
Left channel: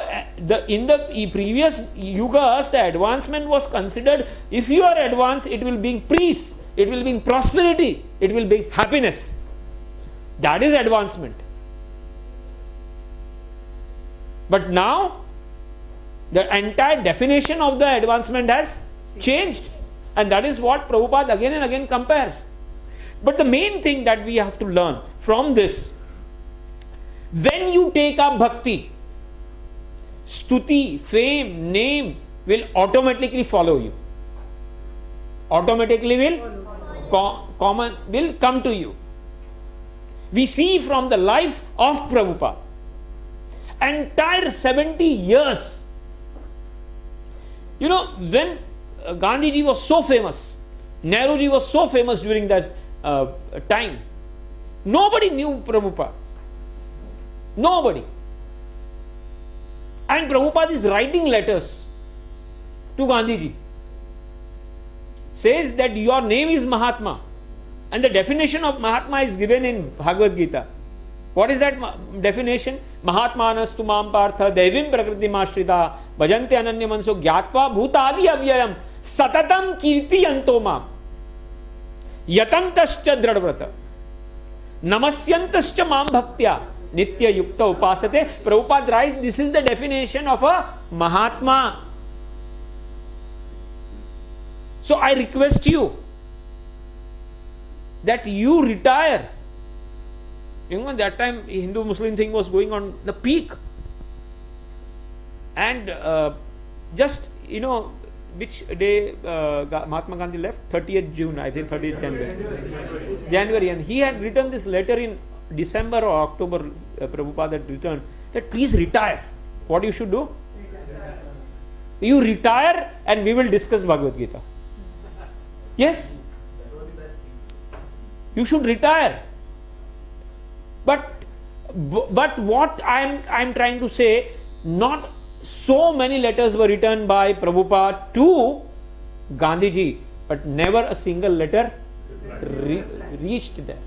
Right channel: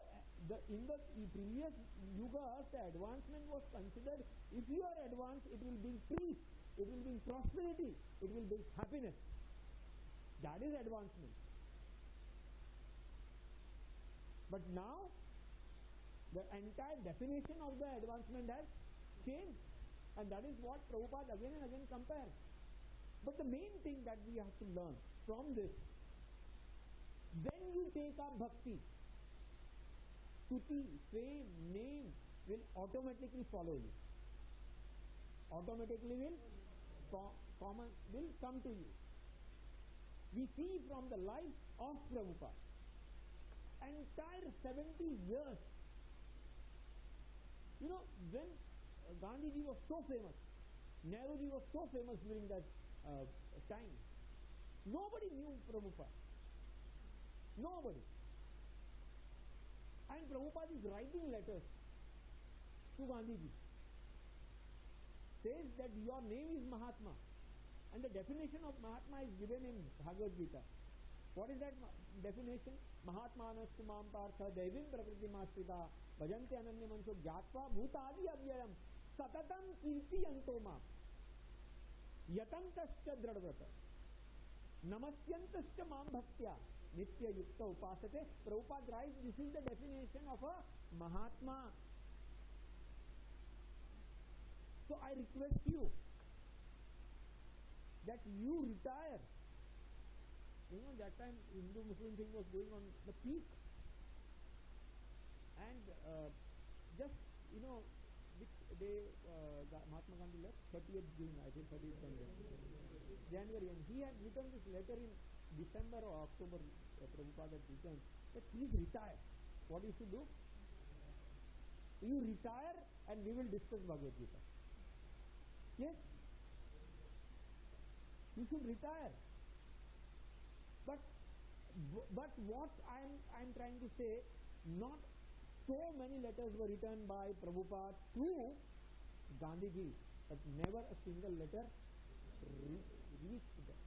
in the previous yugas, the advancement was considered, if you are advanced, it will bring peace, it will bring prosperity, it will bring happiness. That is advancement. But now, the entire definition of the advancement has changed. And that is what Prabhupada again and again compares. But the main thing that we have to learn from this, when you take up bhakti, stuti, fame, name will automatically follow you. Automatically will come to you. We see from the life of Prabhupada, entire 70 years. You know, when Gandhiji was so famous, Nehruji was so famous during that time, nobody knew Prabhupada. Nobody. And Prabhupada is writing letters to Gandhiji. Says that your name is Mahatma. And the definition of Mahatma is given in Bhagavad Gita. What is that definition? Mahatmanastu mam partha devim prakriti mashrita bhajante ananya manso gyatva bhutadi avyayam satatam kirti yanto mam yatantascha dradvrata namasyantascha mam bhaktya nitya yukta upasate. Prabhupada writes, this is the definition of a Mahatma. So I request you that you retire. You know, that time Hindu-Muslim thing was going on the peak. And just, you know, which day Mahatma Gandhi left? 30th June, I think 30th January. January. And he had written this letter in December or October, Prabhupada had returned, that please retire. What you should do? You retire and we will discuss Bhagavad Gita. Yes. You should retire. But what I'm trying to say, not so many letters were written by Prabhupada to Gandhiji, but never a single letter reached there.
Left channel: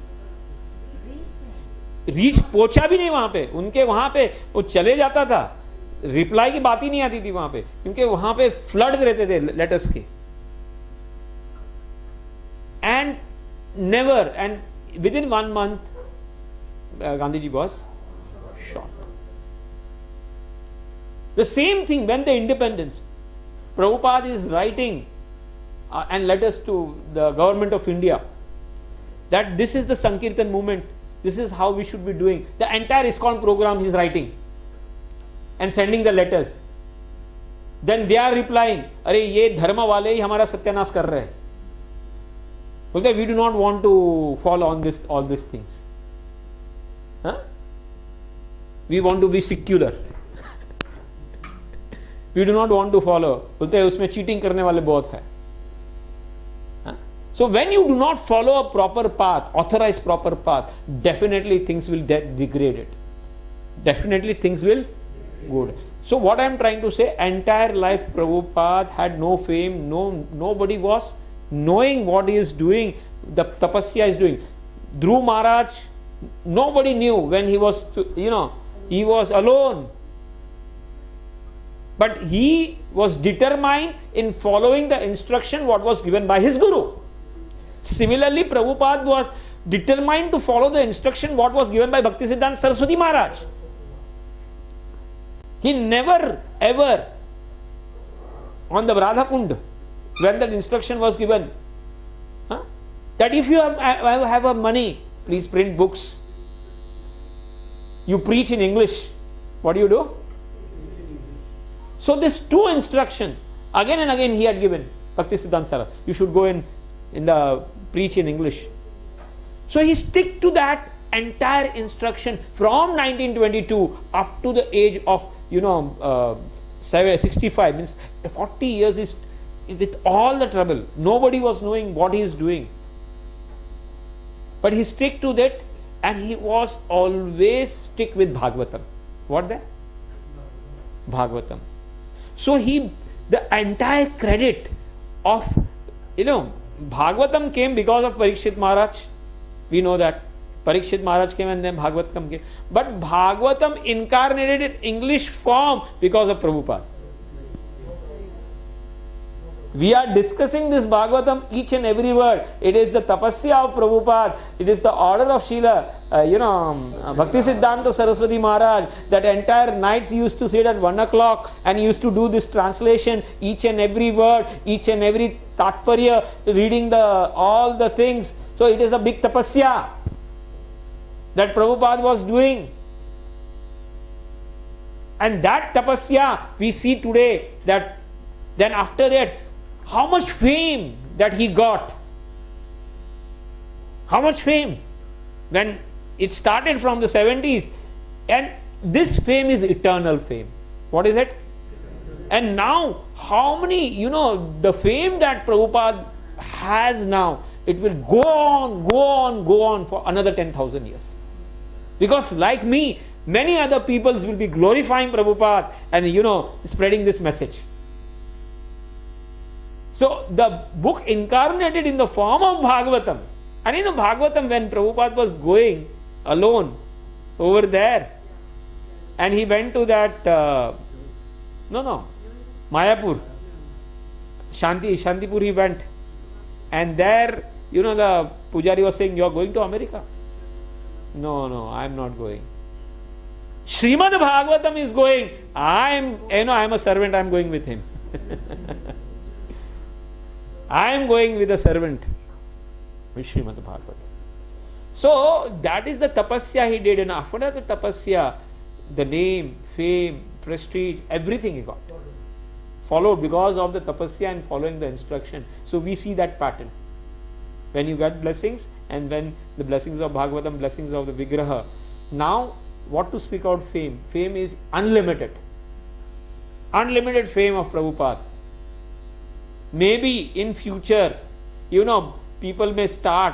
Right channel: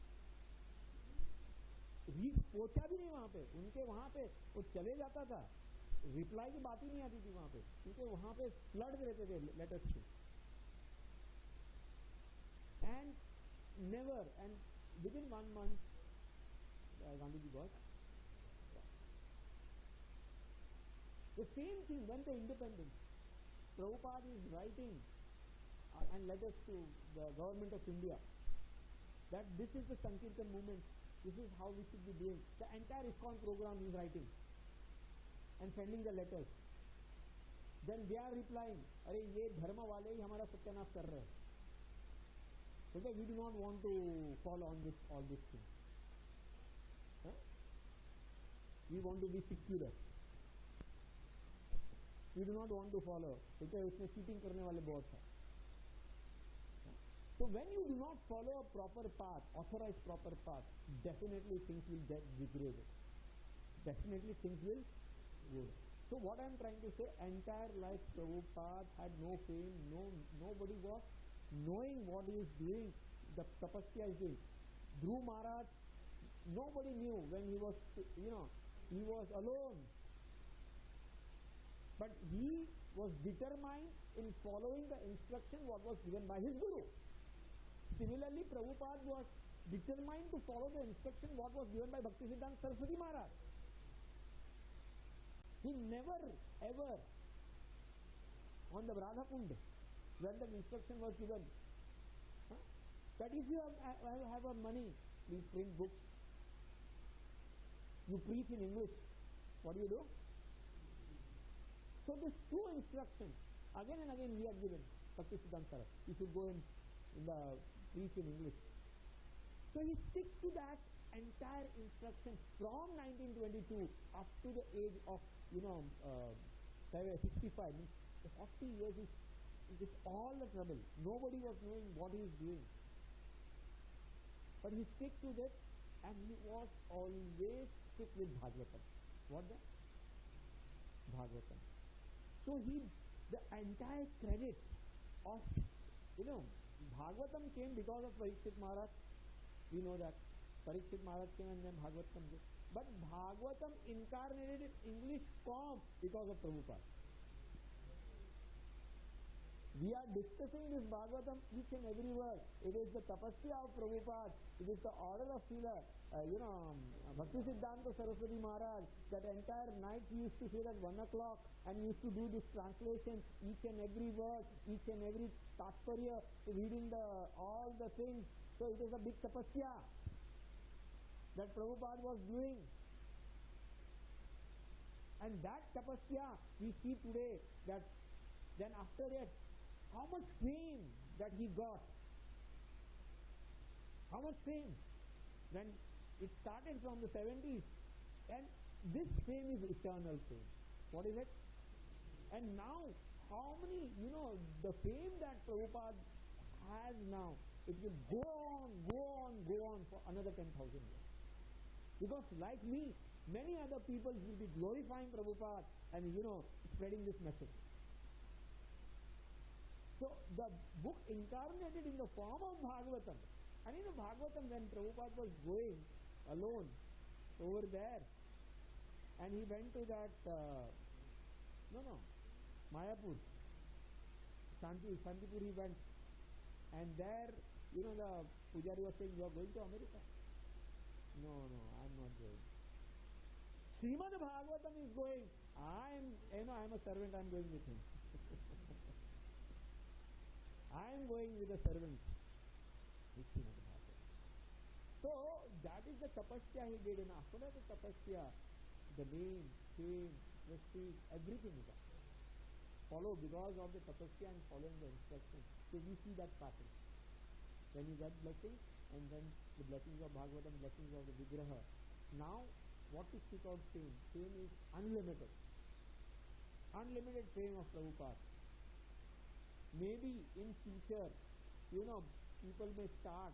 Reach पहुंचा भी नहीं वहां पे, उनके वहां पे वो चले जाता था, रिप्लाई की बात ही नहीं आती थी वहां पे, क्योंकि वहां पे फ्लड रहते थे लेटर्स के. And never, and within 1 month, Gandhiji was shot. The same thing when the independence, Prabhupada is writing and letters to the government of India that this is the Sankirtan movement, this is how we should be doing. The entire ISKCON program he is writing and sending the letters. Then they are replying, अरे ये धर्म वाले ही हमारा सत्यानाश कर रहे हैं. बोलते we do not want to follow on this all these things. Huh? We want to be secular. We do not want to follow. बोलते उसमें cheating करने वाले बहुत है. So when you do not follow a proper path, authorized proper path, definitely things will get degraded. Definitely things will go. So what I am trying to say, entire life Prabhupada had no fame, nobody was knowing what he is doing, the tapasya is doing. Dhuruva Maharaj, nobody knew when he was, he was alone. But he was determined in following the instruction what was given by his guru. Similarly, Prabhupada was determined to follow the instruction what was given by Bhaktisiddhanta Saraswati Maharaj. He never ever on the Radha Kund, when that instruction was given, that if you have a money, please print books. You preach in English. What do? So these two instructions, again and again he had given, Bhaktisiddhanta Saraswati, you should go in the preach in English. So he stick to that entire instruction from 1922 up to the age of 65, means 40 years is with all the trouble. Nobody was knowing what he is doing. But he stick to that, and he was always stick with Bhagavatam. What that? Bhagavatam. So the entire credit of Bhagavatam came because of Parikshit Maharaj. We know that. Parikshit Maharaj came and then Bhagavatam came. But Bhagavatam incarnated in English form because of Prabhupada. We are discussing this Bhagavatam, each and every word. It is the tapasya of Prabhupada. It is the order of Srila, Bhakti Siddhanta Saraswati Maharaj. That entire nights he used to sit at 1 o'clock and he used to do this translation, each and every word, each and every tatparya, reading all the things. So it is a big tapasya that Prabhupada was doing. And that tapasya we see today, that then after that, how much fame that he got. How much fame. When it started from the 70s, and this fame is eternal fame. What is it? And now, how many, the fame that Prabhupada has now, it will go on for another 10,000 years. Because like me, many other peoples will be glorifying Prabhupada and, spreading this message. So the book incarnated in the form of Bhagavatam. And in the Bhagavatam, when Prabhupada was going alone over there, and he went to that, Mayapur, Shantipur he went. And there, the Pujari was saying, you are going to America? No, I am not going. Srimad Bhagavatam is going. I am a servant, I am going with him. I am going with a servant, with Srimad Bhagavatam. So that is the tapasya he did, and after the tapasya, the name, fame, prestige, everything he got. Followed because of the tapasya and following the instruction. So we see that pattern. When you get blessings, and when the blessings of Bhagavatam, blessings of the Vigraha. Now, what to speak out fame? Fame is unlimited. Unlimited fame of Prabhupada. Maybe in future, people may start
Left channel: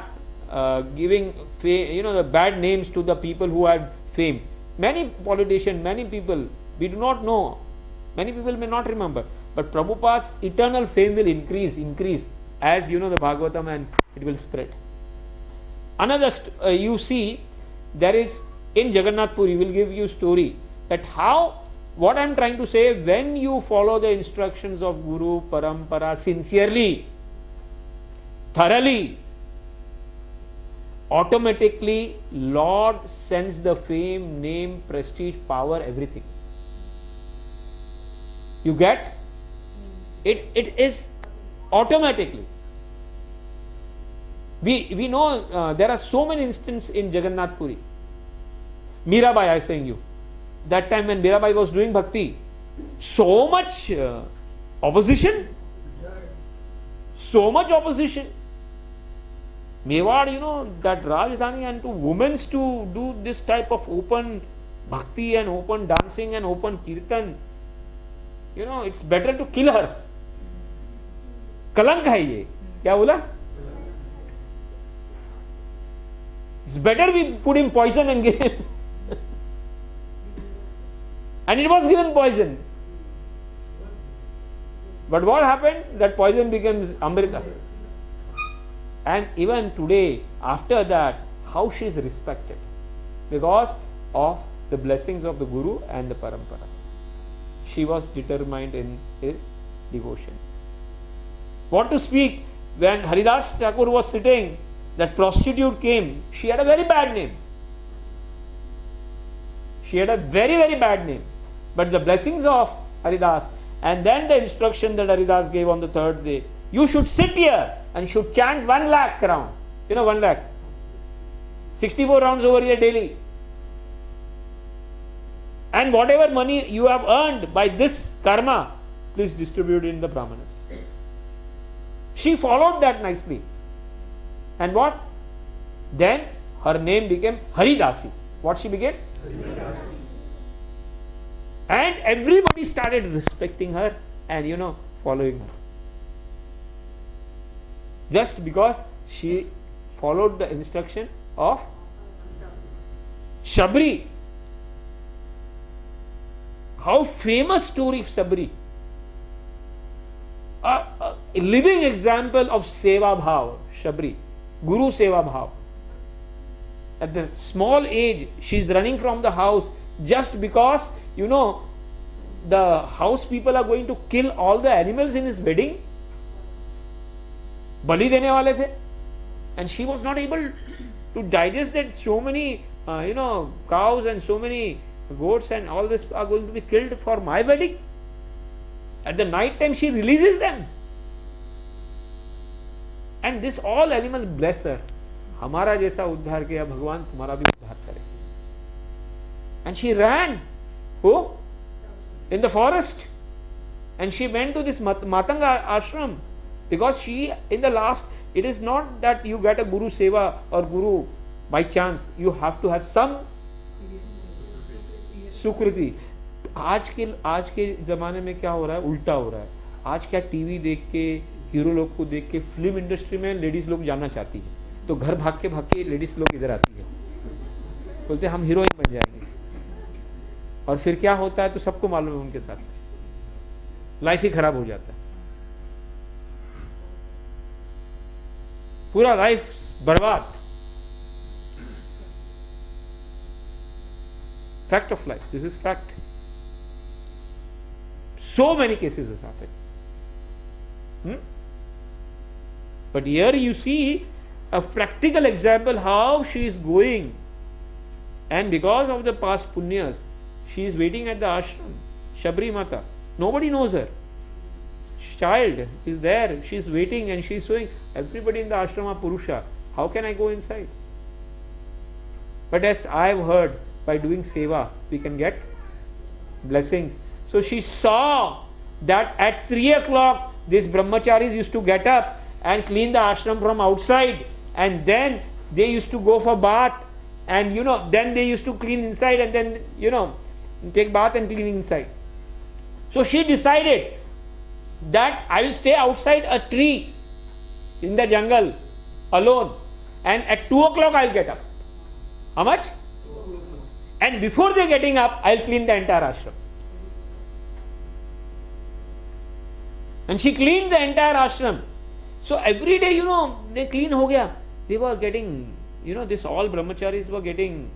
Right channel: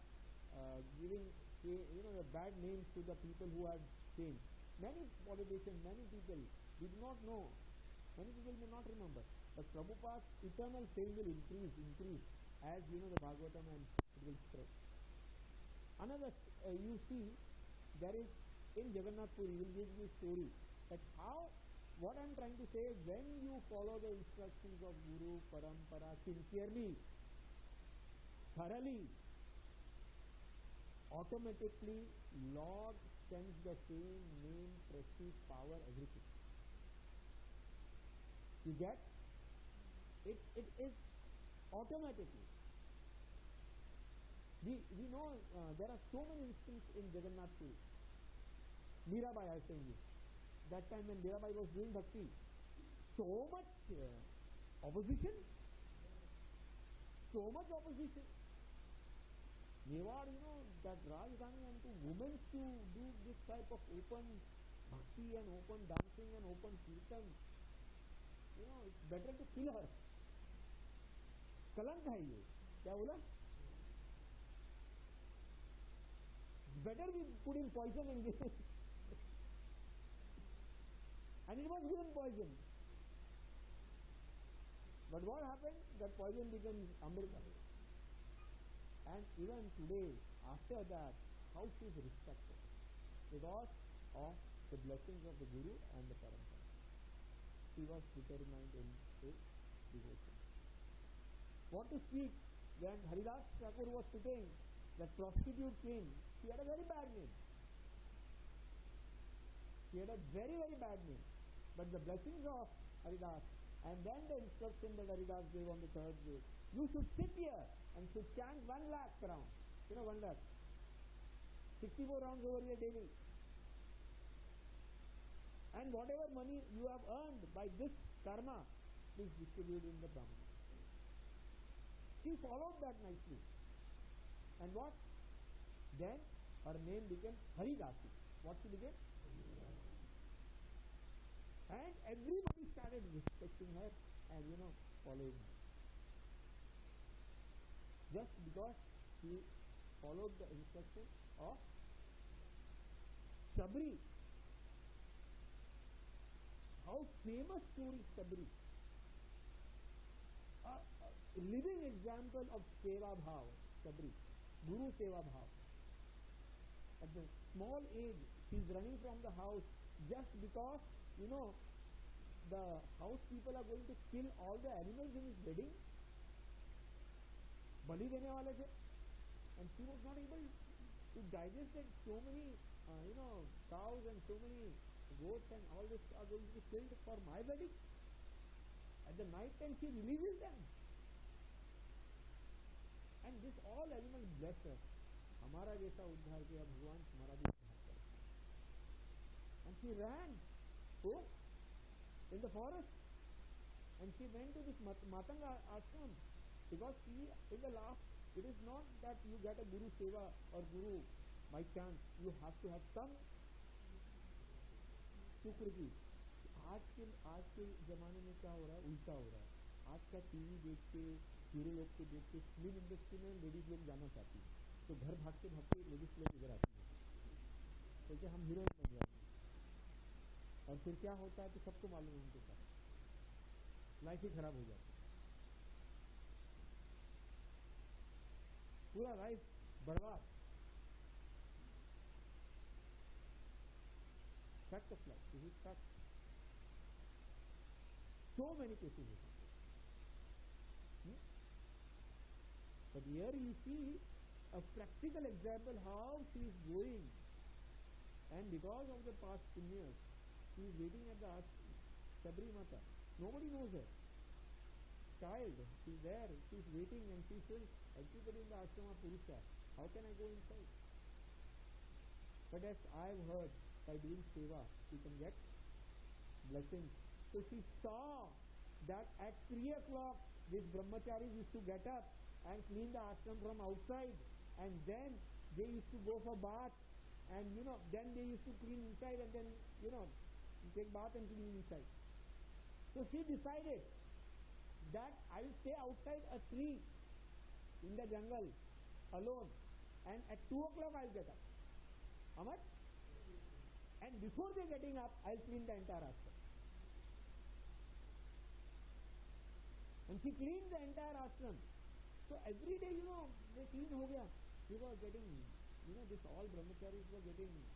giving the bad names to the people who had fame. Many politicians, many people, we do not know. Many people may not remember. But Prabhupada's eternal fame will increase as the Bhagavatam, and it will spread. Another, you see, there is in Jagannath Puri, will give you story that how, what I am trying to say, when you follow the instructions of Guru, Parampara sincerely, thoroughly, automatically Lord sends the fame, name, prestige, power, everything. You get? It is automatically. We know there are so many instances in Jagannath Puri. Mirabai, I am saying you. That time when Mirabai was doing bhakti, so much opposition. So much opposition. Mewad, that Rajdhani, and to women to do this type of open bhakti and open dancing and open kirtan, it's better to kill her. Kalank hai ye. Kya bola? It's better we put him poison and give him. And it was given poison. But what happened? That poison becomes Amrita. And even today, after that, how she is respected? Because of the blessings of the Guru and the Parampara. She was determined in his devotion. What to speak? When Haridas Thakur was sitting, that prostitute came. She had a very bad name. She had a very, very bad name. But the blessings of Haridas, and then the instruction that Haridas gave on the third day, you should sit here and should chant 1 lakh round. 1 lakh. 64 rounds over here daily. And whatever money you have earned by this karma, please distribute it in the brahmanas. She followed that nicely. And what? Then her name became Haridasi. What she became? Haridasi. And everybody started respecting her and following her. Just because she followed the instruction of Shabri. How famous story of Shabri. a living example of seva bhav, Shabri, Guru seva bhav. At the small age, she is running from the house just because, the house people are going to kill all the animals in his wedding. Bali dene wale the. And she was not able to digest that so many, cows and so many goats and all this are going to be killed for my wedding. At the night time, she releases them. And this all animals bless her. हमारा जैसा उद्धार किया भगवान तुम्हारा भी उद्धार करे. And she ran. Who? In the forest. And she went to this Matanga ashram. Because she, in the last, it is not that you get a Guru Seva or Guru by chance. You have to have some सुकृति. आज के जमाने में क्या हो रहा है, उल्टा हो रहा है. आज क्या टीवी देख के, हीरो लोग को देख के, फिल्म इंडस्ट्री में लेडीज लोग जाना चाहती है, तो घर भाग के लेडीज लोग इधर आती है, बोलते हम हीरोइन बन जाएंगे. और फिर क्या होता है तो सबको मालूम है, उनके साथ लाइफ ही खराब हो जाता है, पूरा लाइफ बर्बाद. Fact of life. This is fact. So many cases has happened. But here you see a practical example how she is going. And because of the past punyas, she is waiting at the ashram. Shabri Mata. Nobody knows her. Child is there. She is waiting and she is showing everybody in the ashram are Purusha. How can I go inside? But as I have heard, by doing seva, we can get blessings. So she saw that at 3 o'clock, these brahmacharis used to get up and clean the ashram from outside, and then they used to go for bath, and then they used to clean inside, and then take bath and clean inside. So she decided that I will stay outside a tree in the jungle alone, and at 2 o'clock I will get up. How much? And before they getting up, I will clean the entire ashram. And she cleaned the entire ashram. So every day, they clean ho gaya. They were getting, this all brahmacharis were getting,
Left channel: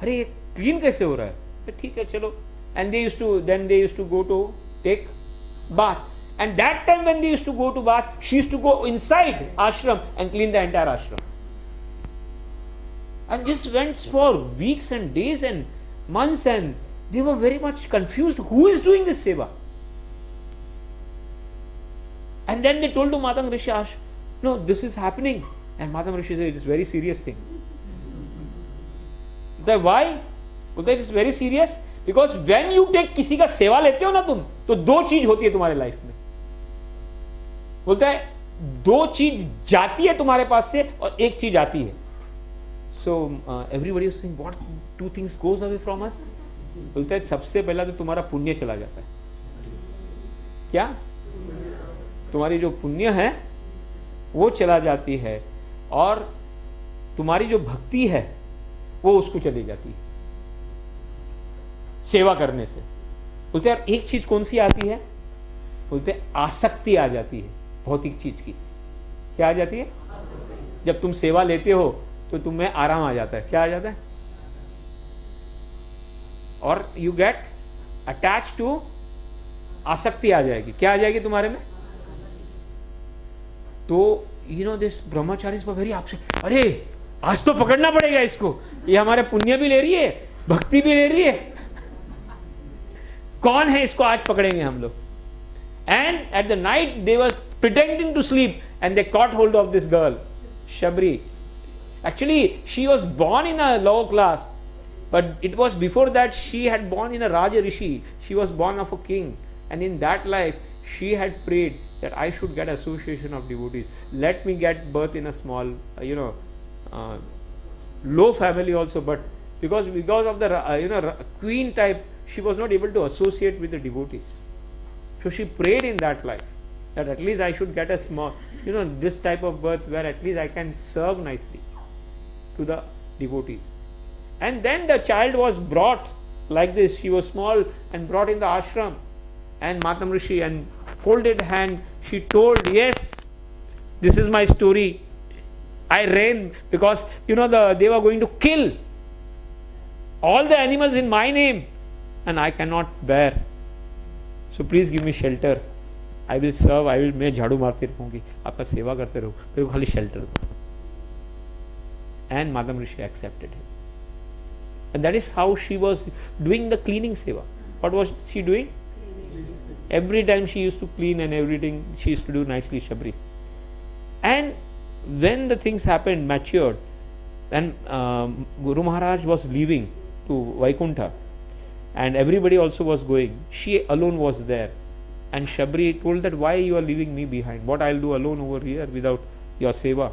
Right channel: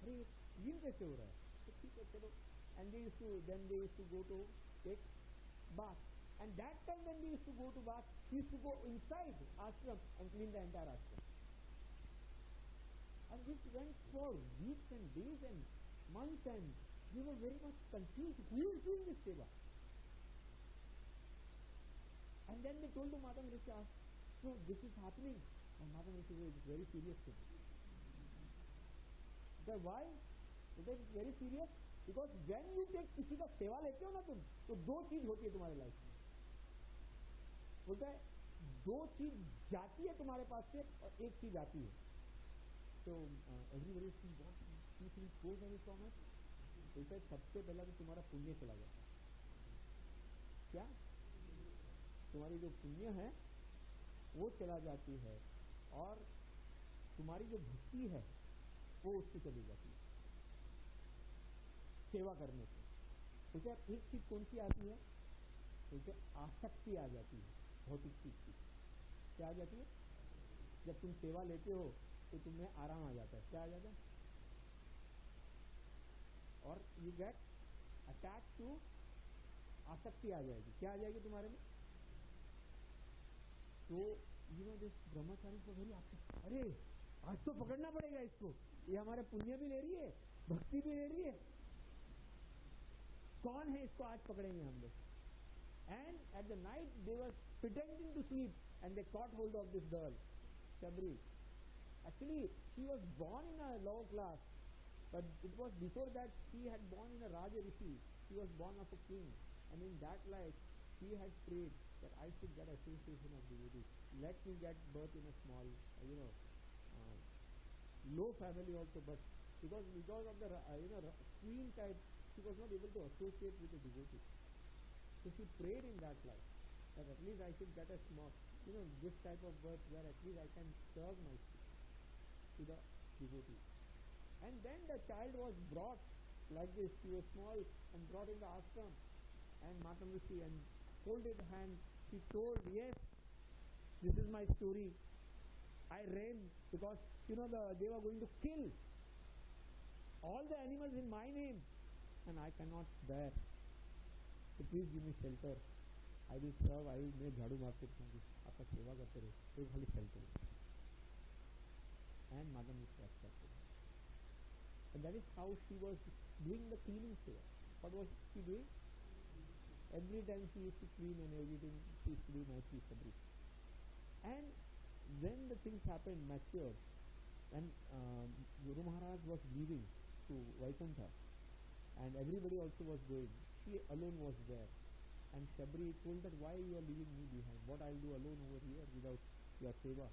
Hare, clean kaise ho raha hai? Theek hai, chalo. And they used to go to take bath. And that time when they used to go to bath, she used to go inside ashram and clean the entire ashram. And this went for weeks and days and months, and they were very much confused. Who is doing this seva? And then they told to Matang Rishi, no, this is happening. And Matang Rishi said, it is a very serious thing. Why? It is very serious. Because when you take किसी का सेवा लेते हो ना तुम, तो दो चीज होती है तुम्हारे लाइफ में. बोलता है दो चीज जाती है तुम्हारे पास से और एक चीज आती है. So everybody was saying, what two things goes away from us? बोलता है सबसे पहला तो तुम्हारा पुण्य चला जाता है. क्या? तुम्हारी जो पुण्य है वो चला जाती है, और तुम्हारी जो भक्ति है वो उसको चली जाती है सेवा करने से. बोलते हैं एक चीज कौन सी आती है? बोलते हैं आसक्ति आ जाती है भौतिक चीज की. क्या आ जाती है? जब तुम सेवा लेते हो तो तुम्हें आराम आ जाता है. क्या आ जाता है? और यू गेट अटैच टू, आसक्ति आ जाएगी. क्या आ जाएगी तुम्हारे में? तो दिस ब्रह्मचारी वेरी अपसेट. अरे आज तो पकड़ना पड़ेगा इसको, ये हमारे पुण्य भी ले रही है, भक्ति भी ले रही है. कौन है इसको आज पकड़ेंगे हम लोग. And at the night they was pretending to sleep and they caught hold of this girl Shabari. Actually, she was born in a lower class, but it was before that she had born in a Raja Rishi. She was born of a king, and in that life, she had prayed that I should get association of devotees. Let me get birth in a small, low family also, but because of the queen type, she was not able to associate with the devotees. So she prayed in that life that at least I should get a small, this type of birth where at least I can serve nicely to the devotees. And then the child was brought like this. She was small and brought in the ashram, and Matam Rishi and folded hand she told, yes, this is my story. I ran because they were going to kill all the animals in my name and I cannot bear. So please give me shelter. I will serve. मैं झाड़ू मारती रहूंगी, आपका सेवा करते रहूँ, मेरे को खाली shelter दो. And Madam Rishi accepted him. And that is how she was doing the cleaning seva. What was she doing? Every time she used to clean and everything she used to do nicely Shabri. And when the things happened, matured, and Guru Maharaj was leaving to Vaikuntha and everybody also was going, she alone was there. And Shabri told that, why you are leaving me behind? What I'll do alone over here without your seva?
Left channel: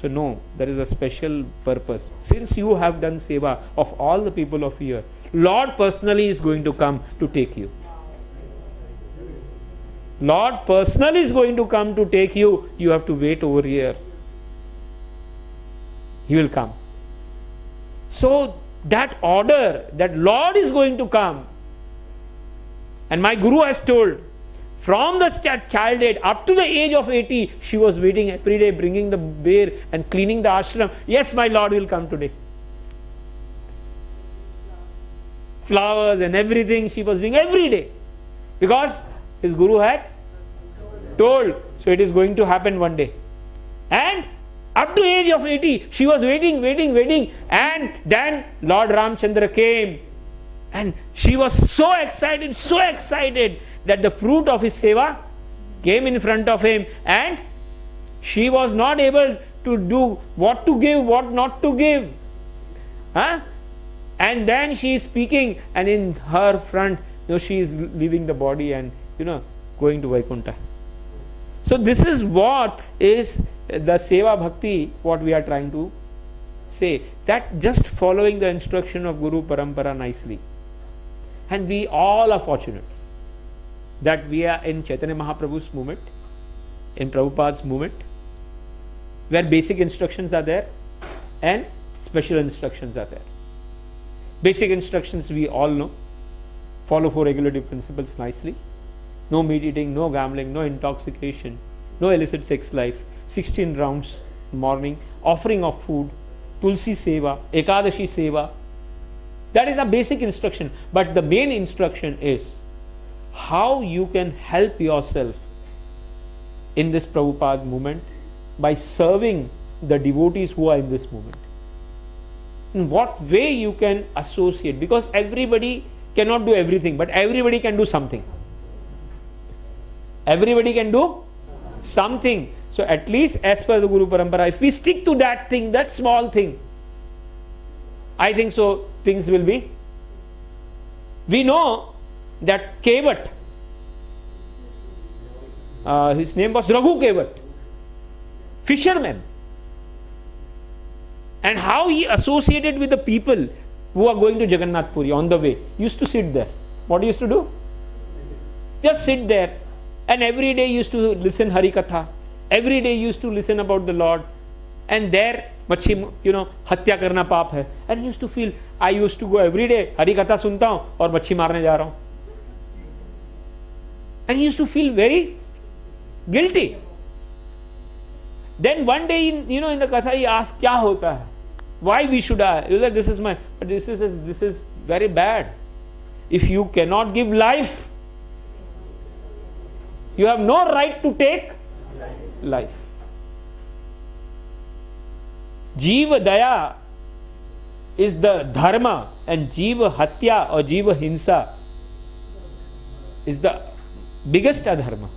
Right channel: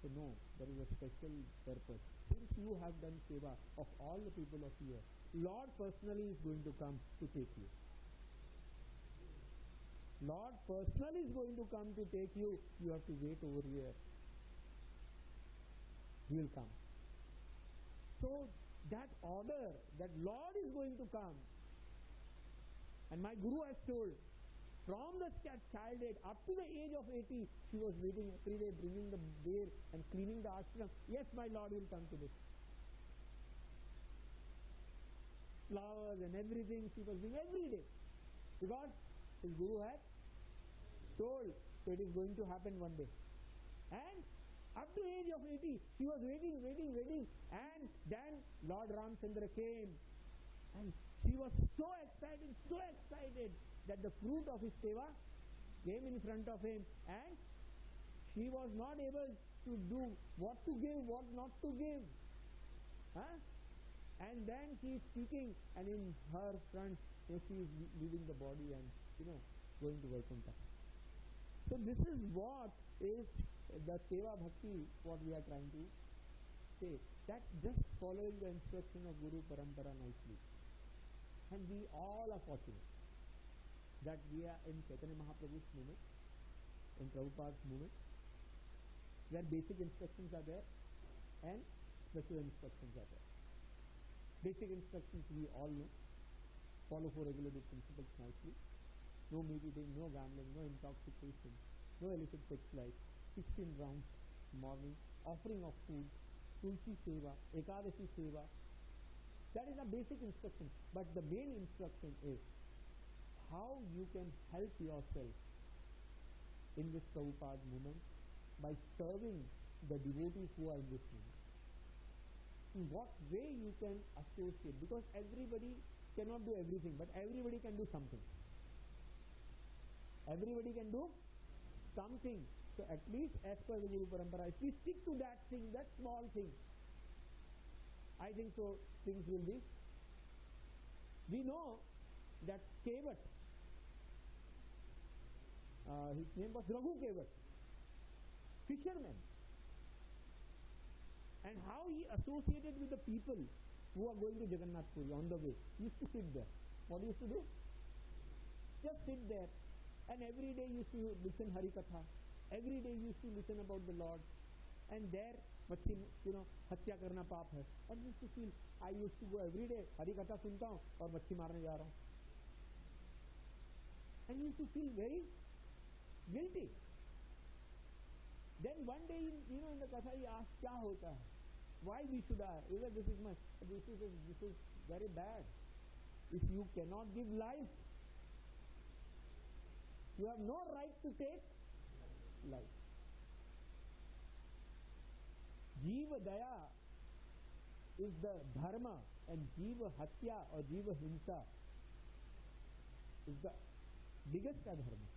So no, there is a special purpose. Since you have done seva of all the people of here, Lord personally is going to come to take you. Lord personally is going to come to take you. You have to wait over here. He will come. So that order, that Lord is going to come. And my Guru has told, from the childhood up to the age of 80, she was waiting every day, bringing the bear and cleaning the ashram. Yes, my Lord will come today. Flowers and everything she was doing every day. Because his Guru had told. So it is going to happen one day. And up to age of 80, she was waiting. And then Lord Ramchandra came. And she was so excited that the fruit of his seva came in front of him, and she was not able to do what to give, what not to give. And then she is speaking, and in her front, she is leaving the body and going to Vaikuntha. So this is what is the seva bhakti, what we are trying to say, that just following the instruction of Guru Parampara nicely. And we all are fortunate that we are in Chaitanya Mahaprabhu's movement, in Prabhupada's movement, where basic instructions are there and special instructions are there. Basic instructions we all know. Follow 4 regulative principles nicely. No meat eating, no gambling, no intoxication, no illicit sex life, 16 rounds morning, offering of food, Tulsi Seva, Ekadashi Seva. That is a basic instruction. But the main instruction is how you can help yourself in this Prabhupada movement by serving the devotees who are in this movement. In what way you can associate, because everybody cannot do everything, but everybody can do something. Everybody can do something. So at least as per the Guru Parampara, if we stick to that thing, that small thing, I think so things will be. We know that Kevat, his name was Raghu Kevat, fisherman, and how he associated with the people who are going to Jagannath Puri on the way. He used to sit there. What he used to do? Just sit there, and every day he used to listen Hari Katha. Every day he used to listen about the Lord, and there मच्छी हत्या करना पाप है. And he used to feel, I used to go every day, Hari कथा सुनता हूँ और मच्छी मारने जा रहा हूँ. And he used to feel very guilty. Then one day in the katha he asked, क्या होता है? Why we should die? He was like, this is very bad. If you cannot give life, you have no right to take life. Jiva Daya is the dharma, and Jiva Hatya or Jiva Hinsa is the biggest adharma.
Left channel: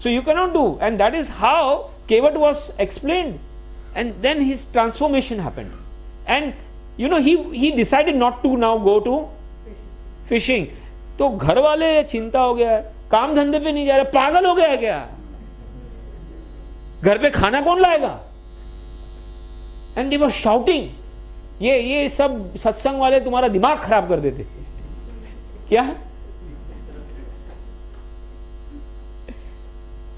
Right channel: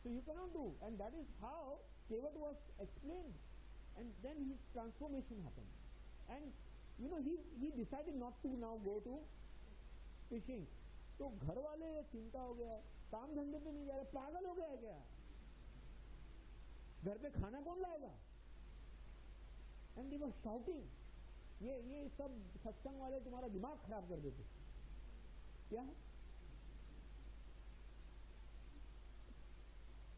So you cannot do, and that is how Kevat was explained. And then his transformation happened. And he decided not to now go to fishing. तो घर वाले चिंता हो गया, काम धंधे पे नहीं जा रहे, पागल हो गया है क्या? घर पे खाना कौन लाएगा? And they were shouting, ये सब सत्संग वाले तुम्हारा दिमाग खराब कर देते. क्या?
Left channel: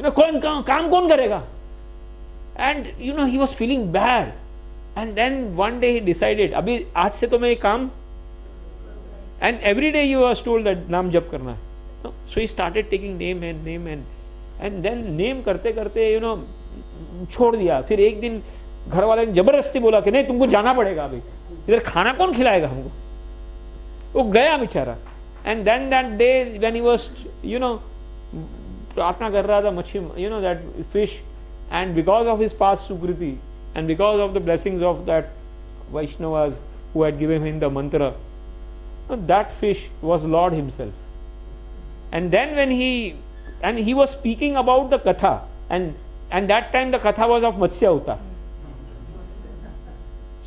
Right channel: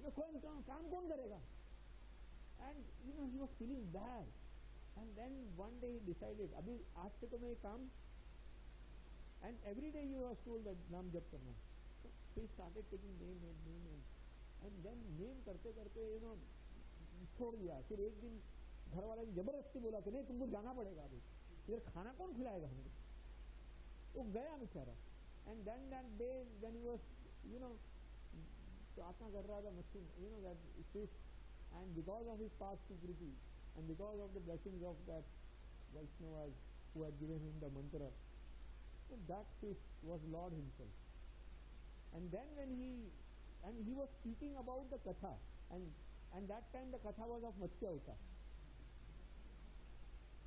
कौन काम कौन करेगा? And he was feeling bad. And then one day he decided, अभी आज से तो मैं ये काम. And every day he was told that नाम जप करना है. No? So he started taking name and then name करते करते छोड़ दिया. फिर एक दिन घर वाले ने जबरदस्ती बोला कि नहीं तुमको जाना पड़ेगा अभी, इधर खाना कौन खिलाएगा हमको. वो गया बेचारा. And then that day when he was प्रार्थना कर रहा था मच्छी, that fish, and because of his past sukriti and because of the blessings of that Vaishnavas who had given him the mantra, that fish was Lord himself. And then when he was speaking about the katha, and that time the katha was of Matsya Avatar.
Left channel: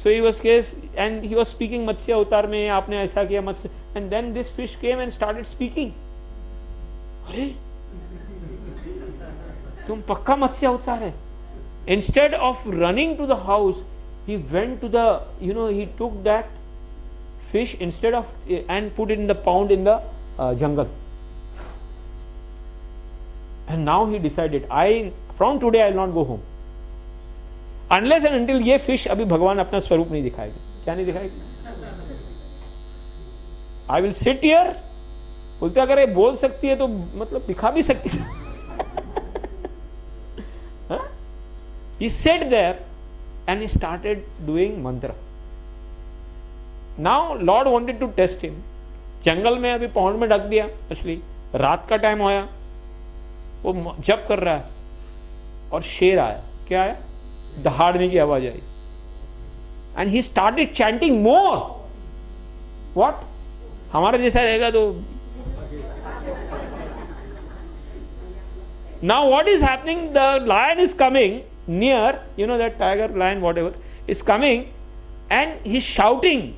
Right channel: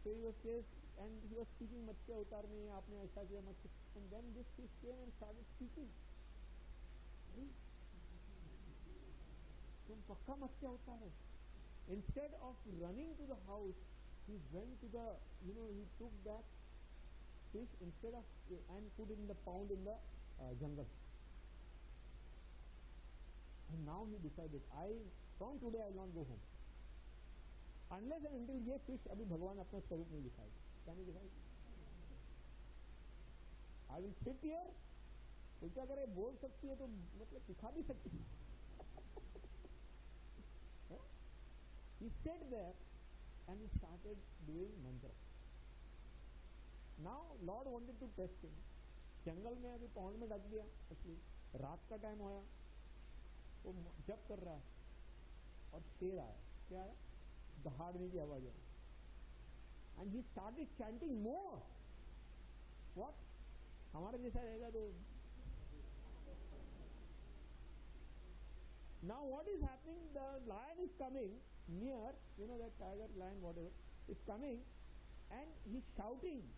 So he was speaking Matsya Avatar mein aapne aisa kiya Matsya, and then this fish came and started speaking. Hare, tum pakka Matsya Avatar hai. Instead of running to the house, he went to the, he took that fish instead of and put it in the pound in the jungle. And now he decided, from today I will not go home unless and until ये fish अभी भगवान अपना स्वरूप नहीं दिखाएगा. क्या नहीं दिखाएगा? I will sit here. बोलते अगर ये बोल सकती है तो मतलब दिखा भी सकती है. He sat there and he started doing mantra. Now Lord wanted to test him. जंगल में अभी पौंड में ढक दिया मछली, रात का टाइम होया, वो जप कर रहा है और शेर आया. क्या आया? दहाड़ने की आवाज आई. And he started chanting more. What? हमारा जैसा रहेगा तो. Now what is happening? The lion is coming near, that tiger, lion, whatever is coming, and he's shouting,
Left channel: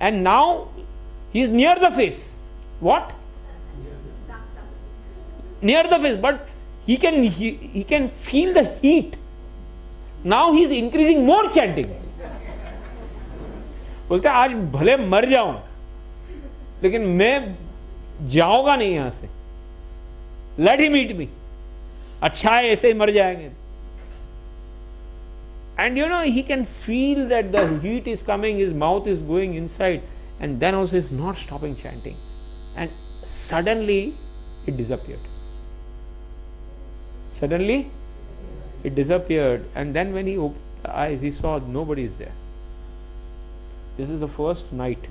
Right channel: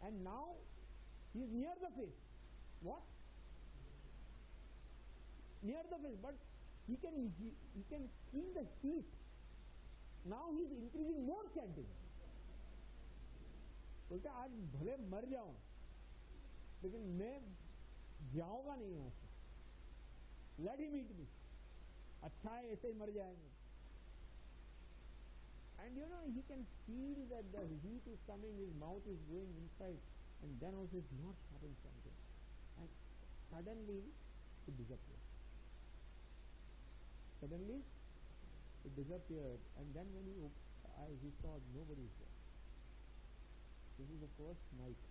and now he's near the face. What? Near the face, but he can feel the heat. Now he's increasing more chanting. बोलते आज भले मर जाऊं लेकिन मैं जाऊंगा नहीं यहां से. Let him eat me. अच्छा है ऐसे ही मर जाएंगे. And he can feel that the heat is coming, his mouth is going inside, and then also is not stopping chanting. And suddenly it disappeared. And then when he opened the eyes, he saw nobody is there. This is the first night.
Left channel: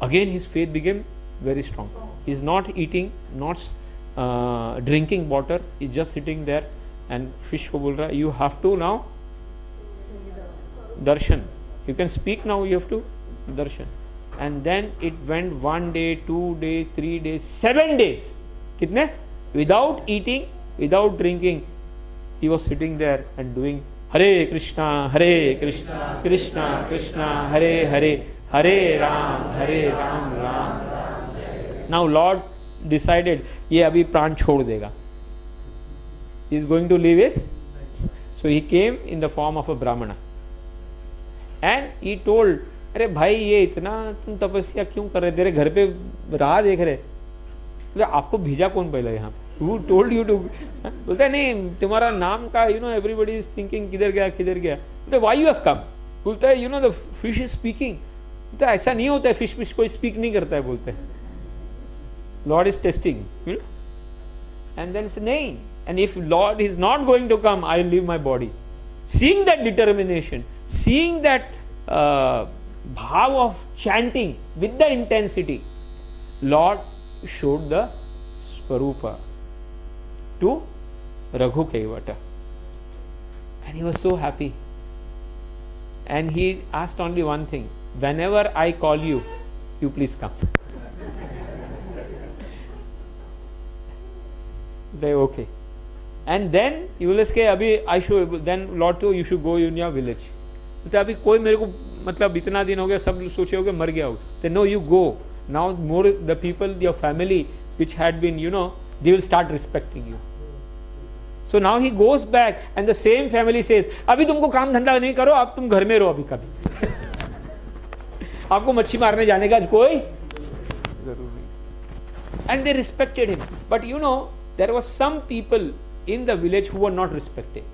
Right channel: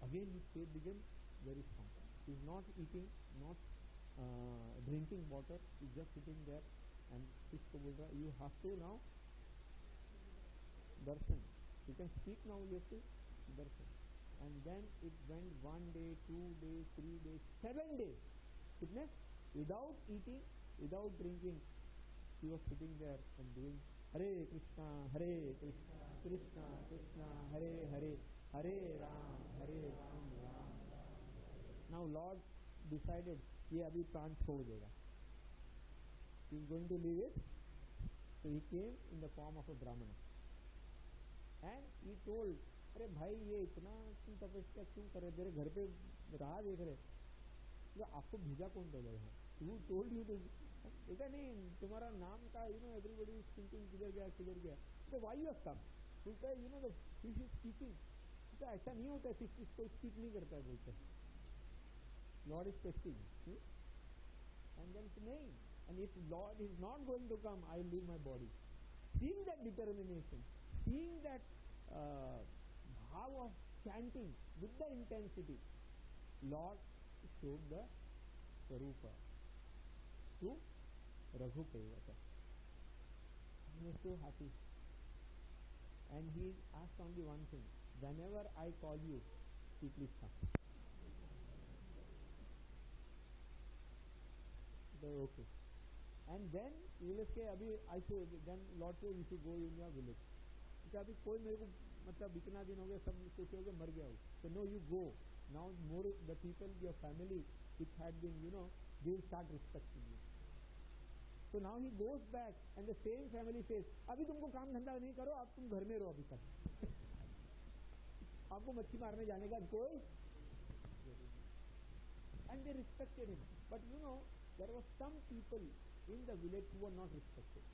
Again his faith became very strong. He is not eating, not drinking water, he is just sitting there. And fish को बोल रहा है, you have to now darshan. You can speak now, you have to darshan. And then it went 1 day, 2 days, 3 days, 7 days. कितने? Without eating, without drinking, he was sitting there and doing Hare Krishna, Krishna Krishna, Hare Hare, Hare Ram, Ram Ram. Now Lord decided, ये अभी प्राण छोड़ देगा. He is going to leave his. So he came in the form of a Brahmana. And he told, अरे भाई ये इतना तुम तपस्या क्यों कर रहे, तेरे घर पे राह देख रहे, तो आपको भेजा कौन पहले यहाँ? Who told you to? बोलता है नहीं तुम्हारा नाम का, everybody is thinking किधर गया. बोलता why you have come? बोलता है the fish is speaking. बोलता ऐसा नहीं होता है, fish कोई speak नहीं करता है. बोलते हैं Lord is testing. And then say नहीं. And if Lord is not going to come, I will leave my body. Seeing that determination, seeing that bhav of chanting with the intensity, Lord showed the Swarupa to Raghu Kaivata. And he was so happy. And he asked only one thing, whenever I call you, you please come. Say okay. And then you will say अभी then Lord told you should go in your village. तो अभी कोई मेरे को मतलब इतना दिन हो गया, सब सोचे होगे मर गया हो. Then no, you go. Now more the people, your family which had been, they will start respecting you. So now he goes back and the same family says, अभी तुमको काम धंधा नहीं करो, अब तुम घर में रहो अभी कभी. आपको मच्छी मारने जाने का कोई जरूर नहीं. And they respected him. But there was some people in the village who were not respected.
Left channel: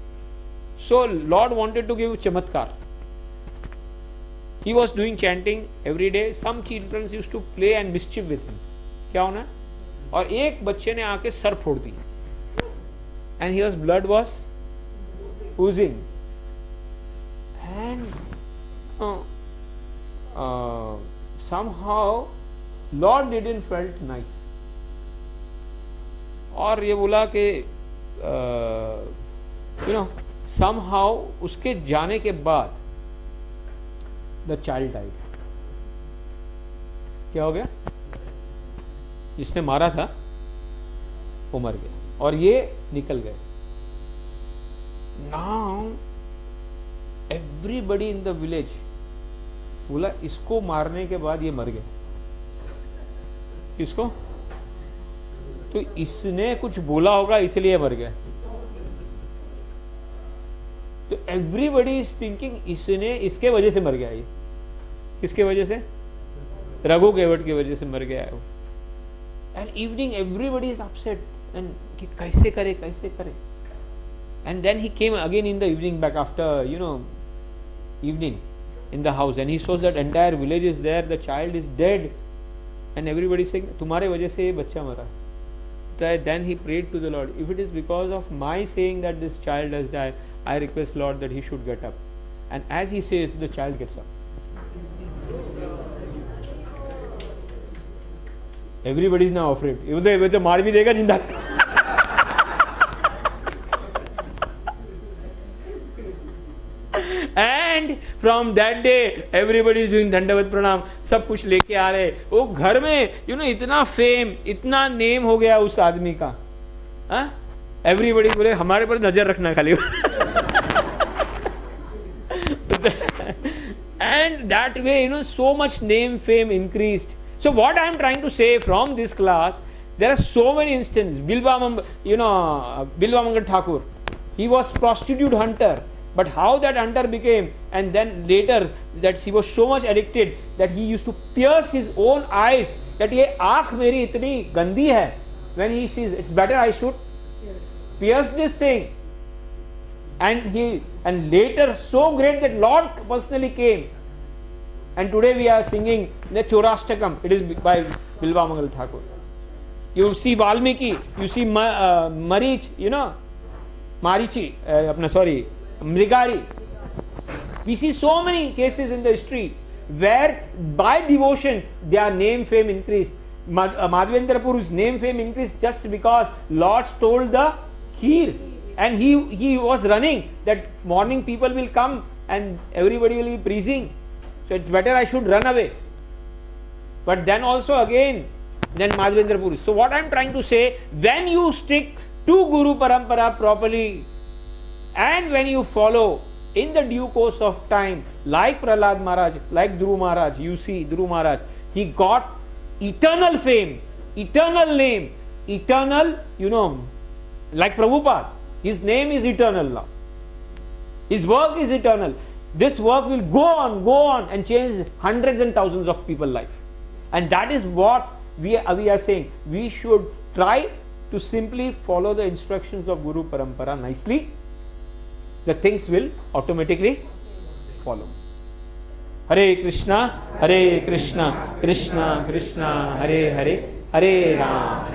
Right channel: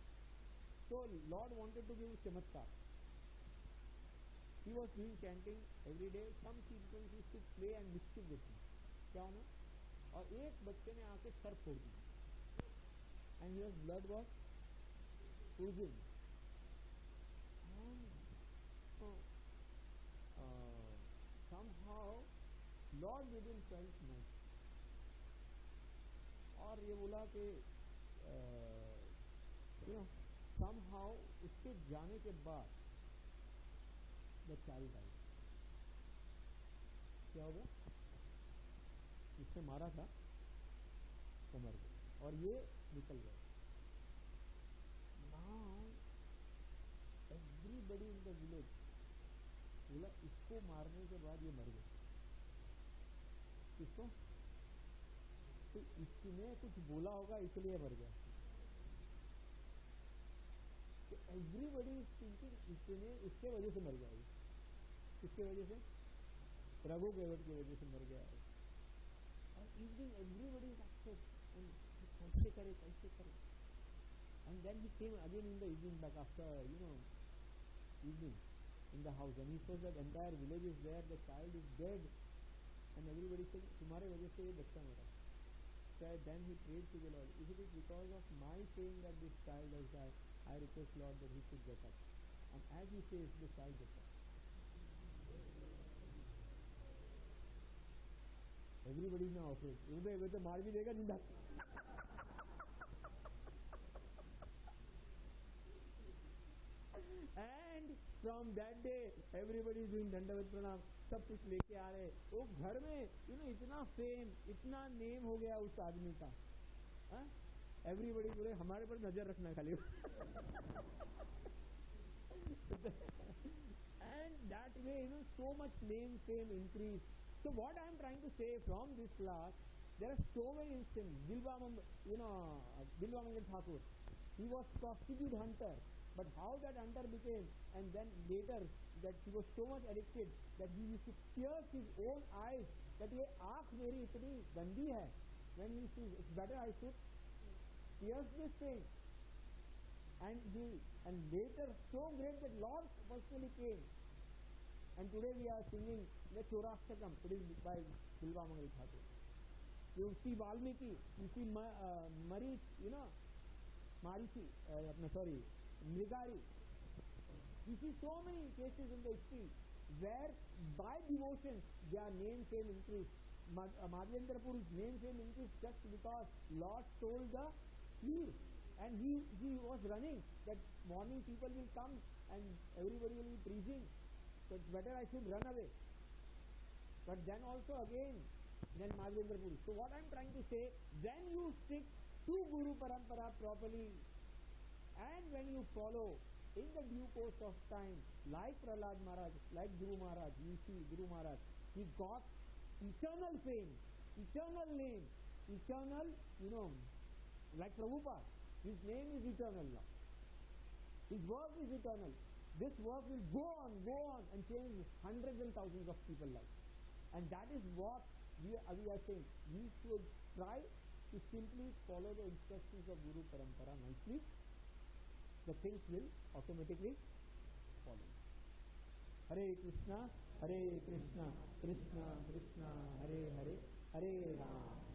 So Lord wanted to give chamatkar. He was doing chanting every day. Some children used to play and mischief with him. क्या होना है, और एक बच्चे ने आके सर फोड़ दी, and his blood was oozing, and somehow Lord didn't felt nice. और ये बोला कि somehow उसके जाने के बाद the child died. क्या हो गया, जिसने मारा था वो मर गया और ये निकल गए. Now everybody in the village बोला इसको मारने के बाद ये मर गया. किसको? तो इसने कुछ बोला होगा इसलिए मर गया. तो एवरीबडी इज थिंकिंग इसने, इसके वजह से मर गया. ये किसके वजह से? रघु केवट की वजह से मर गया है वो. And evening everybody is upset, and कि कैसे करे कैसे करे. And then he came again in the evening, back after evening in the house, and he saw that entire village is there, the child is dead, and everybody saying तुम्हारे वजह से ये बच्चा मरा. Then he prayed to the Lord, if it is because of my saying that this child has died, I request Lord that he should get up. And as he says, the child gets up. Everybody is now afraid. ये तो मार भी देगा जिंदा. And from that day everybody is doing दंडवत प्रणाम, सब कुछ लेके आ रहे. वो घर में इतना फेम, इतना नेम हो गया उस आदमी का. एवरीबडी बोले हमारे पर नजर रखना खाली. And that way so much name, fame increased. So what I am trying to say from this class, there are so many instances. Bilvamangal Thakur, he was prostitute hunter. But how that hunter became, and then later that he was so much addicted that he used to pierce his own eyes, that ये आँख मेरी इतनी गंदी है. When he sees, it's better I should pierce this thing. And later so great that Lord personally came. And today we are singing the Chorashtakam. It is by Bilvamangal Thakur. You see Valmiki, you see Marich, Marichi, Mrigari. We see so many cases in the history where by devotion their name, fame increased. Madhavendra Puru's name, fame increased just because Lord stole the kheer, and he was running that morning people will come and everybody will be praising, so it's better I should run away. But then also again, then Madhavendra Puri. So what I am trying to say, when you stick to Guru Parampara properly, and when you follow in the due course of time, like Prahlad Maharaj, like Dhuruva Maharaj, you see Dhuruva Maharaj, he got eternal fame, eternal name, eternal, like Prabhupada, his name is eternal now. His work is eternal. This work will go on and change hundreds and thousands of people's life. And that is what we are saying. We should try to simply follow the instructions of Guru Parampara nicely. The things will automatically follow. Hare Krishna, Krishna Krishna, Hare Hare, Hare Rama.